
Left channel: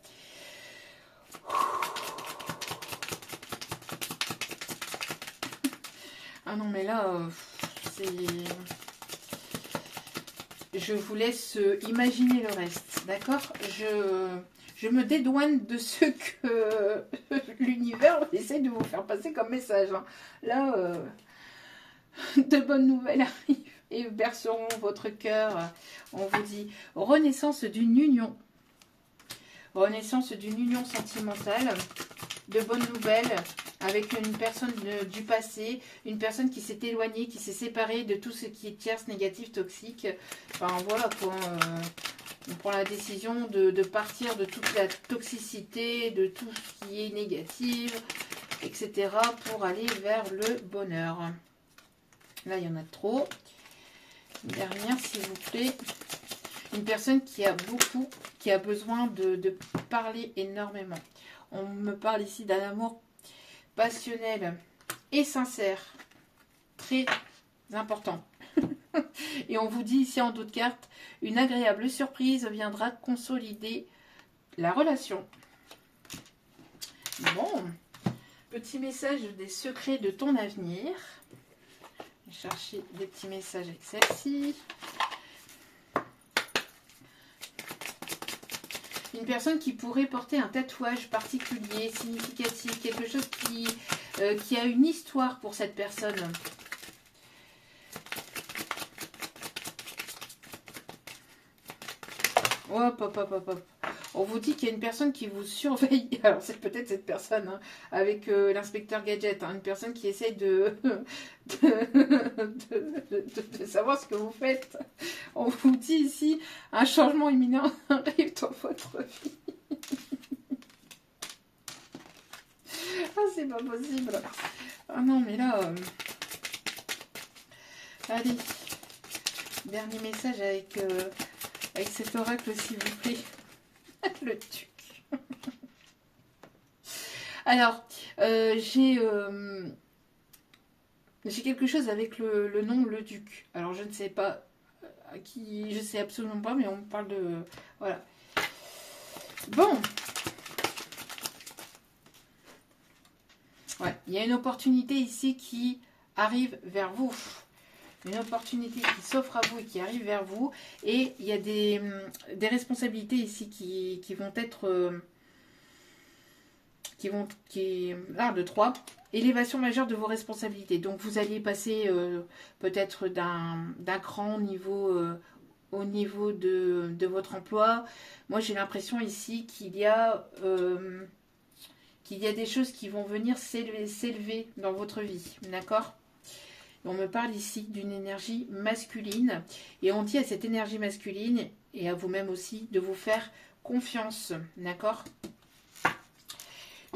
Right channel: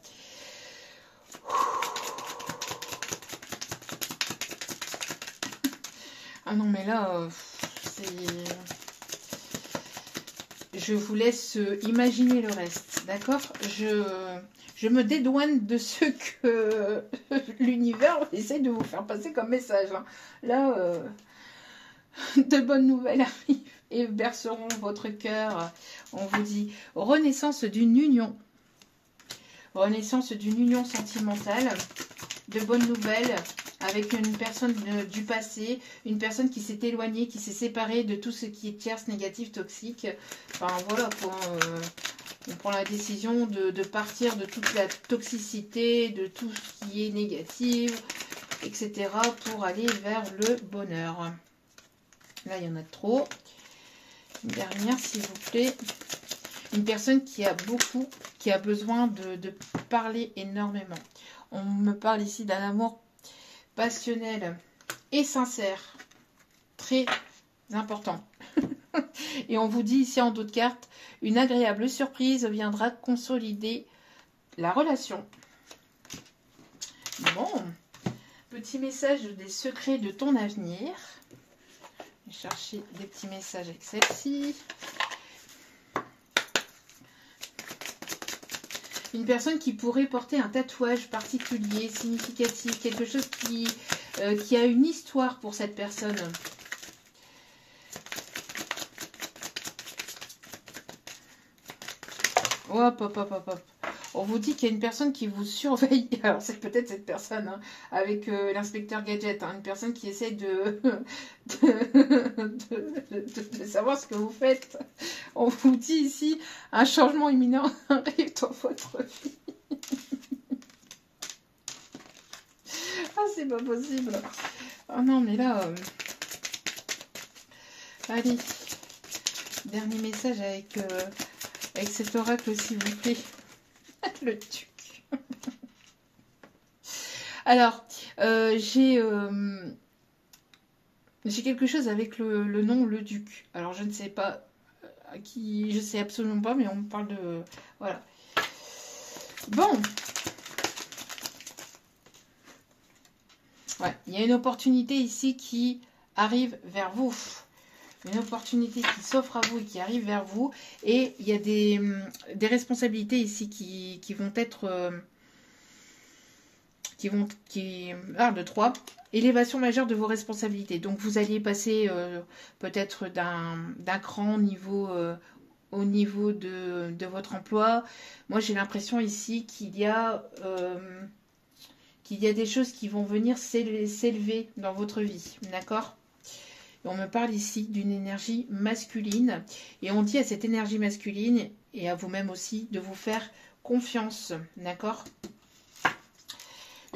Ah non, mais là, c'est... Je vous laisse imaginer le reste, d'accord? Je me dédouane de ce que l'univers essaie de vous faire passer comme message. Hein. Là, de bonnes nouvelles arrivent et berceront votre cœur. On vous dit renaissance d'une union. Renaissance d'une union sentimentale. De bonnes nouvelles avec une personne du passé, une personne qui s'est éloignée, qui s'est séparée de tout ce qui est tierce, négatif, toxique. Enfin voilà quoi. On prend la décision de partir de toute la toxicité, de tout ce qui est négatif, etc. pour aller vers le bonheur. Là, il y en a trop. Une dernière, s'il vous plaît. Une personne qui a besoin de parler énormément. On me parle ici d'un amour passionnel et sincère. Très important. Et on vous dit ici en d'autres cartes, une agréable surprise viendra consolider la relation. Bon, petit message des secrets de ton avenir. Je vais chercher des petits messages avec celle-ci. Une personne qui pourrait porter un tatouage particulier, significatif, quelque chose qui a une histoire pour cette personne. Hop, hop, hop, hop, hop. On vous dit qu'il y a une personne qui vous surveille. Alors, c'est peut-être cette personne, hein, avec l'inspecteur Gadget. Hein, une personne qui essaie de savoir ce que vous faites. On vous dit ici, un changement imminent arrive dans votre vie. Ah, c'est pas possible. Ah non, mais là... Allez. Dernier message avec cet oracle, s'il vous plaît. Le duc. Alors, j'ai quelque chose avec le nom le duc. Alors, je ne sais pas à qui, je sais absolument pas, mais on me parle de... Voilà. Bon. Ouais, il y a une opportunité ici qui arrive vers vous. Une opportunité qui s'offre à vous et qui arrive vers vous. Et il y a des responsabilités ici qui vont être... de 3. Élévation majeure de vos responsabilités. Donc, vous alliez passer peut-être d'un cran au niveau de votre emploi. Moi, j'ai l'impression ici qu'il y a des choses qui vont venir s'élever dans votre vie. D'accord ? On me parle ici d'une énergie masculine. Et on dit à cette énergie masculine, et à vous-même aussi, de vous faire confiance. D'accord ?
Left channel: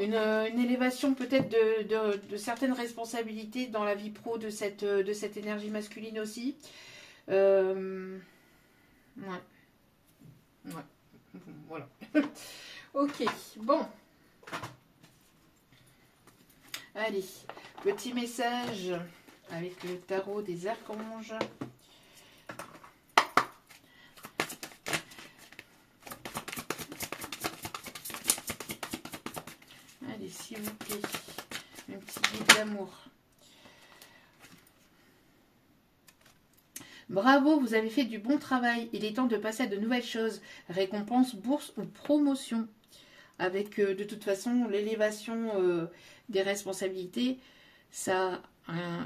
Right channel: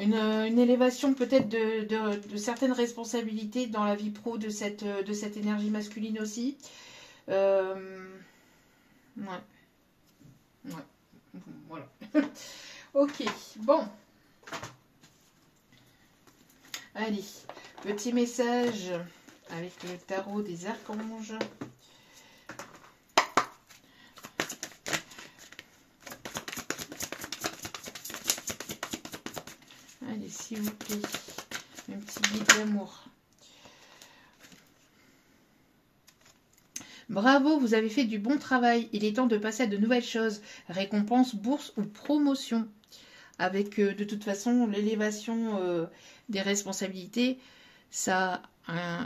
Une élévation peut-être de certaines responsabilités dans la vie pro de cette énergie masculine aussi. Ouais. Voilà. Ok, bon. Allez, petit message avec le tarot des archanges. Allez, s'il vous plaît, un petit guide d'amour. Bravo, vous avez fait du bon travail. Il est temps de passer à de nouvelles choses. Récompense, bourse ou promotion. Avec de toute façon l'élévation des responsabilités, ça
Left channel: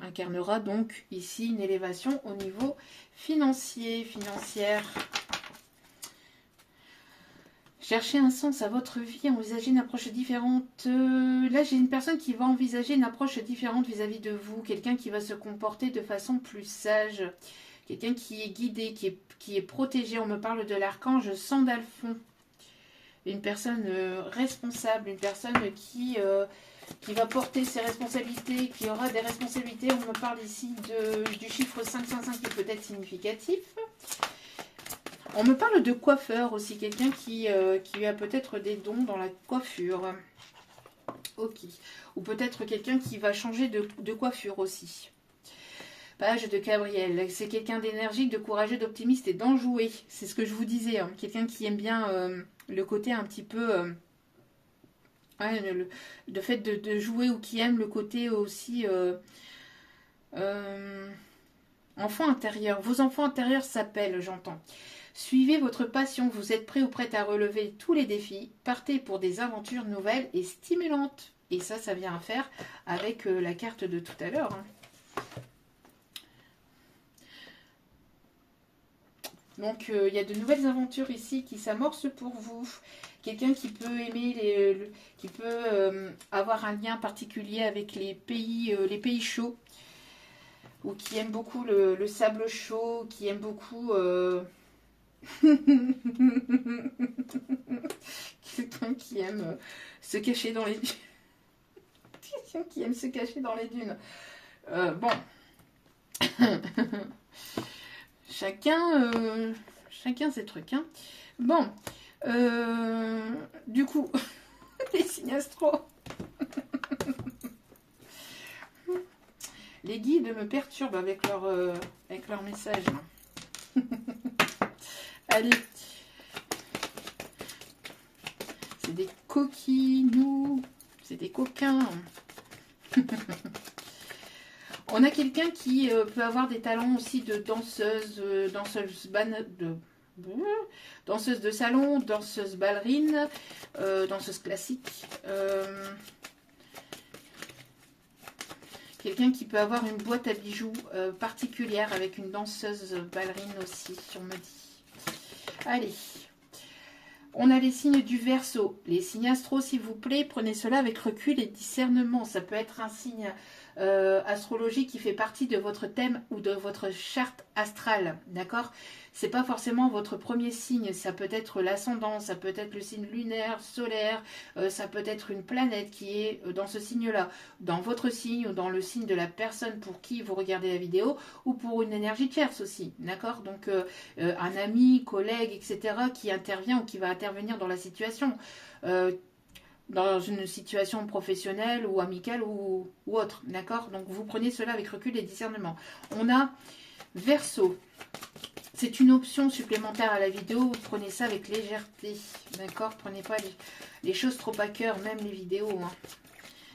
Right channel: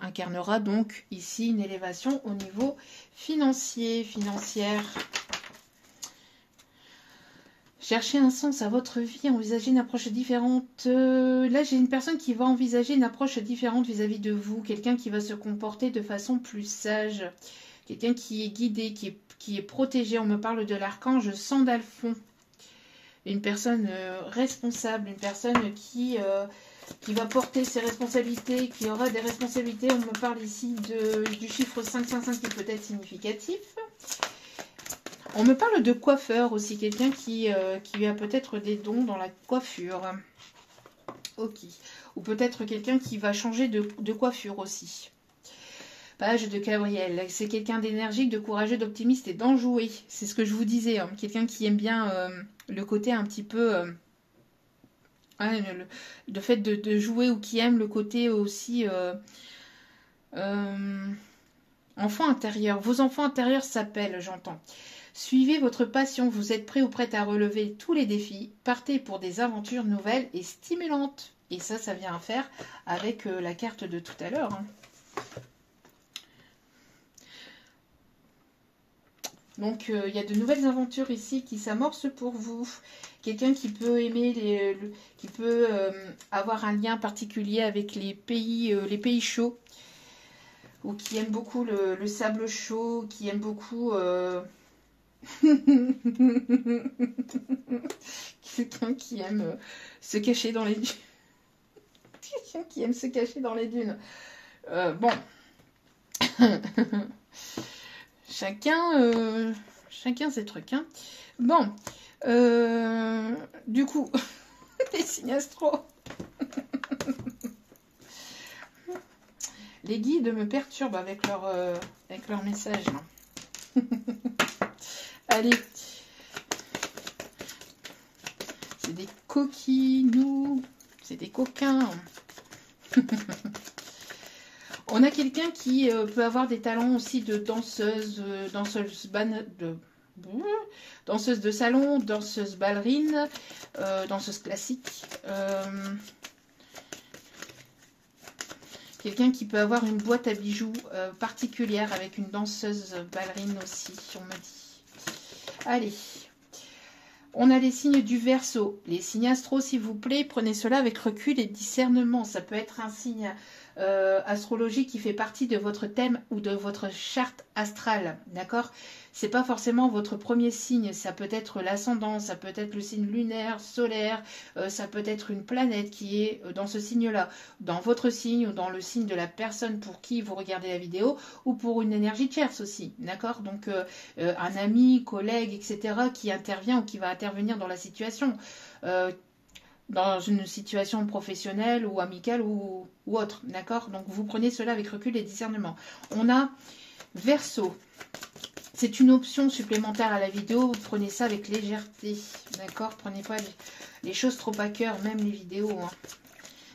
incarnera donc ici une élévation au niveau financière. Cherchez un sens à votre vie, envisagez une approche différente. Là, j'ai une personne qui va envisager une approche différente vis-à-vis de vous. Quelqu'un qui va se comporter de façon plus sage. Quelqu'un qui est guidé, qui est protégé. On me parle de l'archange Sandalphon. Une personne responsable, une personne qui va porter ses responsabilités, qui aura des responsabilités. On me parle ici du chiffre 555 qui peut être significatif. On me parle de coiffeur aussi, quelqu'un qui a peut-être des dons dans la coiffure. Ok. Ou peut-être quelqu'un qui va changer de coiffure aussi. Page de Gabriel. C'est quelqu'un d'énergique, de courageux, d'optimiste et d'enjoué. C'est ce que je vous disais. Hein. Quelqu'un qui aime bien le côté un petit peu... le fait de jouer ou qui aime le côté aussi... enfant intérieur. Vos enfants intérieurs s'appellent, j'entends. Suivez votre passion. Vous êtes prêt ou prête à relever tous les défis. Partez pour des aventures nouvelles et stimulantes. Et ça vient à faire avec la carte de tout à l'heure. Hein. Donc, il y a de nouvelles aventures ici qui s'amorcent pour vous. Quelqu'un qui peut aimer, qui peut avoir un lien particulier avec les pays chauds. Ou qui aime beaucoup le sable chaud, qui aime beaucoup... Quelqu'un qui aime se cacher dans les dunes. Quelqu'un qui aime se cacher dans les dunes. Bon. Chacun ses trucs. Hein. Bon. Du coup, les signes astro. Les guides me perturbent avec leur message. Allez. C'est des coquinous. C'est des coquins. On a quelqu'un qui peut avoir des talents aussi de danseuse, danseuse de salon, danseuse ballerine, danseuse classique. Quelqu'un qui peut avoir une boîte à bijoux particulière avec une danseuse ballerine aussi, on me dit. Allez. On a les signes du Verseau. Les signes astro, s'il vous plaît, prenez cela avec recul et discernement. Ça peut être un signe astrologique qui fait partie de votre thème ou de votre charte astrale. D'accord? C'est pas forcément votre premier signe. Ça peut être l'ascendant, ça peut être le signe lunaire, solaire, ça peut être une planète qui est dans ce signe-là, dans votre signe ou dans le signe de la personne pour qui vous regardez la vidéo ou pour une énergie tierce aussi. D'accord? Donc, un ami, collègue, etc. qui intervient ou qui va intervenir dans la situation. Dans une situation professionnelle ou amicale ou autre, d'accord? Donc vous prenez cela avec recul et discernement. On a Verseau. C'est une option supplémentaire à la vidéo, vous prenez ça avec légèreté, d'accord? Prenez pas les choses trop à cœur, même les vidéos. Hein.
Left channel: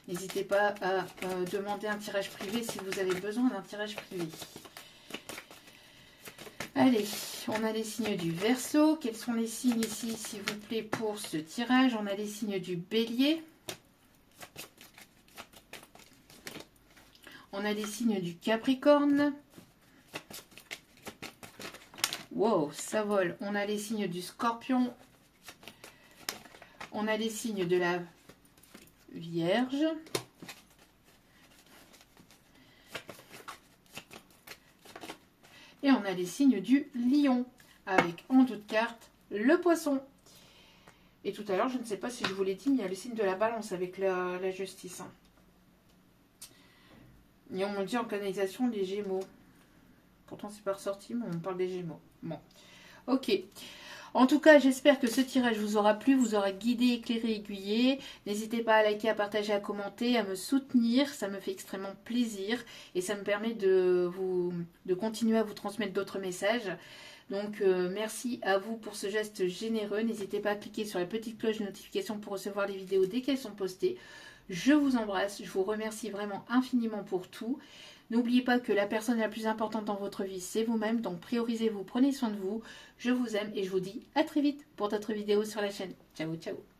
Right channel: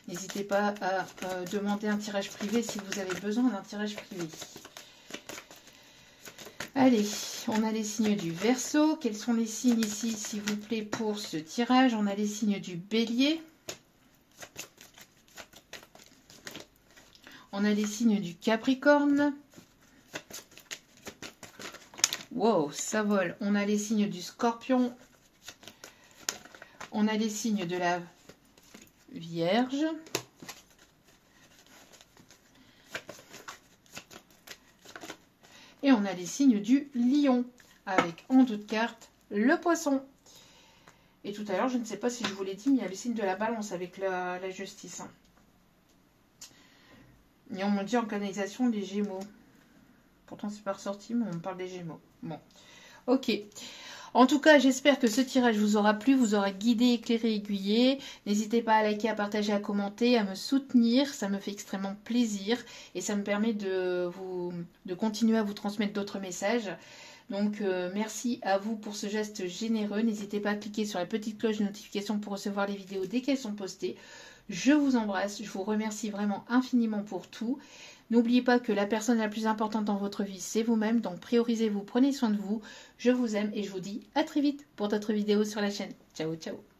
N'hésitez pas à demander un tirage privé si vous avez besoin d'un tirage privé. Allez, on a les signes du Verseau. Quels sont les signes ici, s'il vous plaît, pour ce tirage? On a les signes du Bélier. On a les signes du Capricorne. Wow, ça vole. On a les signes du Scorpion. On a les signes de la Vierge. Et on a les signes du Lion, avec en toute carte le Poisson. Et tout à l'heure, je ne sais pas si je vous l'ai dit, mais il y a le signe de la Balance avec la Justice. Hein. Et on me dit en canalisation les Gémeaux. Pourtant, c'est pas ressorti, mais on me parle des Gémeaux. Bon, ok. En tout cas, j'espère que ce tirage vous aura plu, vous aura guidé, éclairé, aiguillé. N'hésitez pas à liker, à partager, à commenter, à me soutenir. Ça me fait extrêmement plaisir et ça me permet de continuer à vous transmettre d'autres messages. Donc, merci à vous pour ce geste généreux. N'hésitez pas à cliquer sur la petite cloche de notification pour recevoir les vidéos dès qu'elles sont postées. Je vous embrasse, je vous remercie vraiment infiniment pour tout. N'oubliez pas que la personne la plus importante dans votre vie, c'est vous-même. Donc, priorisez-vous, prenez soin de vous. Je vous aime et je vous dis à très vite pour d'autres vidéos sur la chaîne. Ciao, ciao.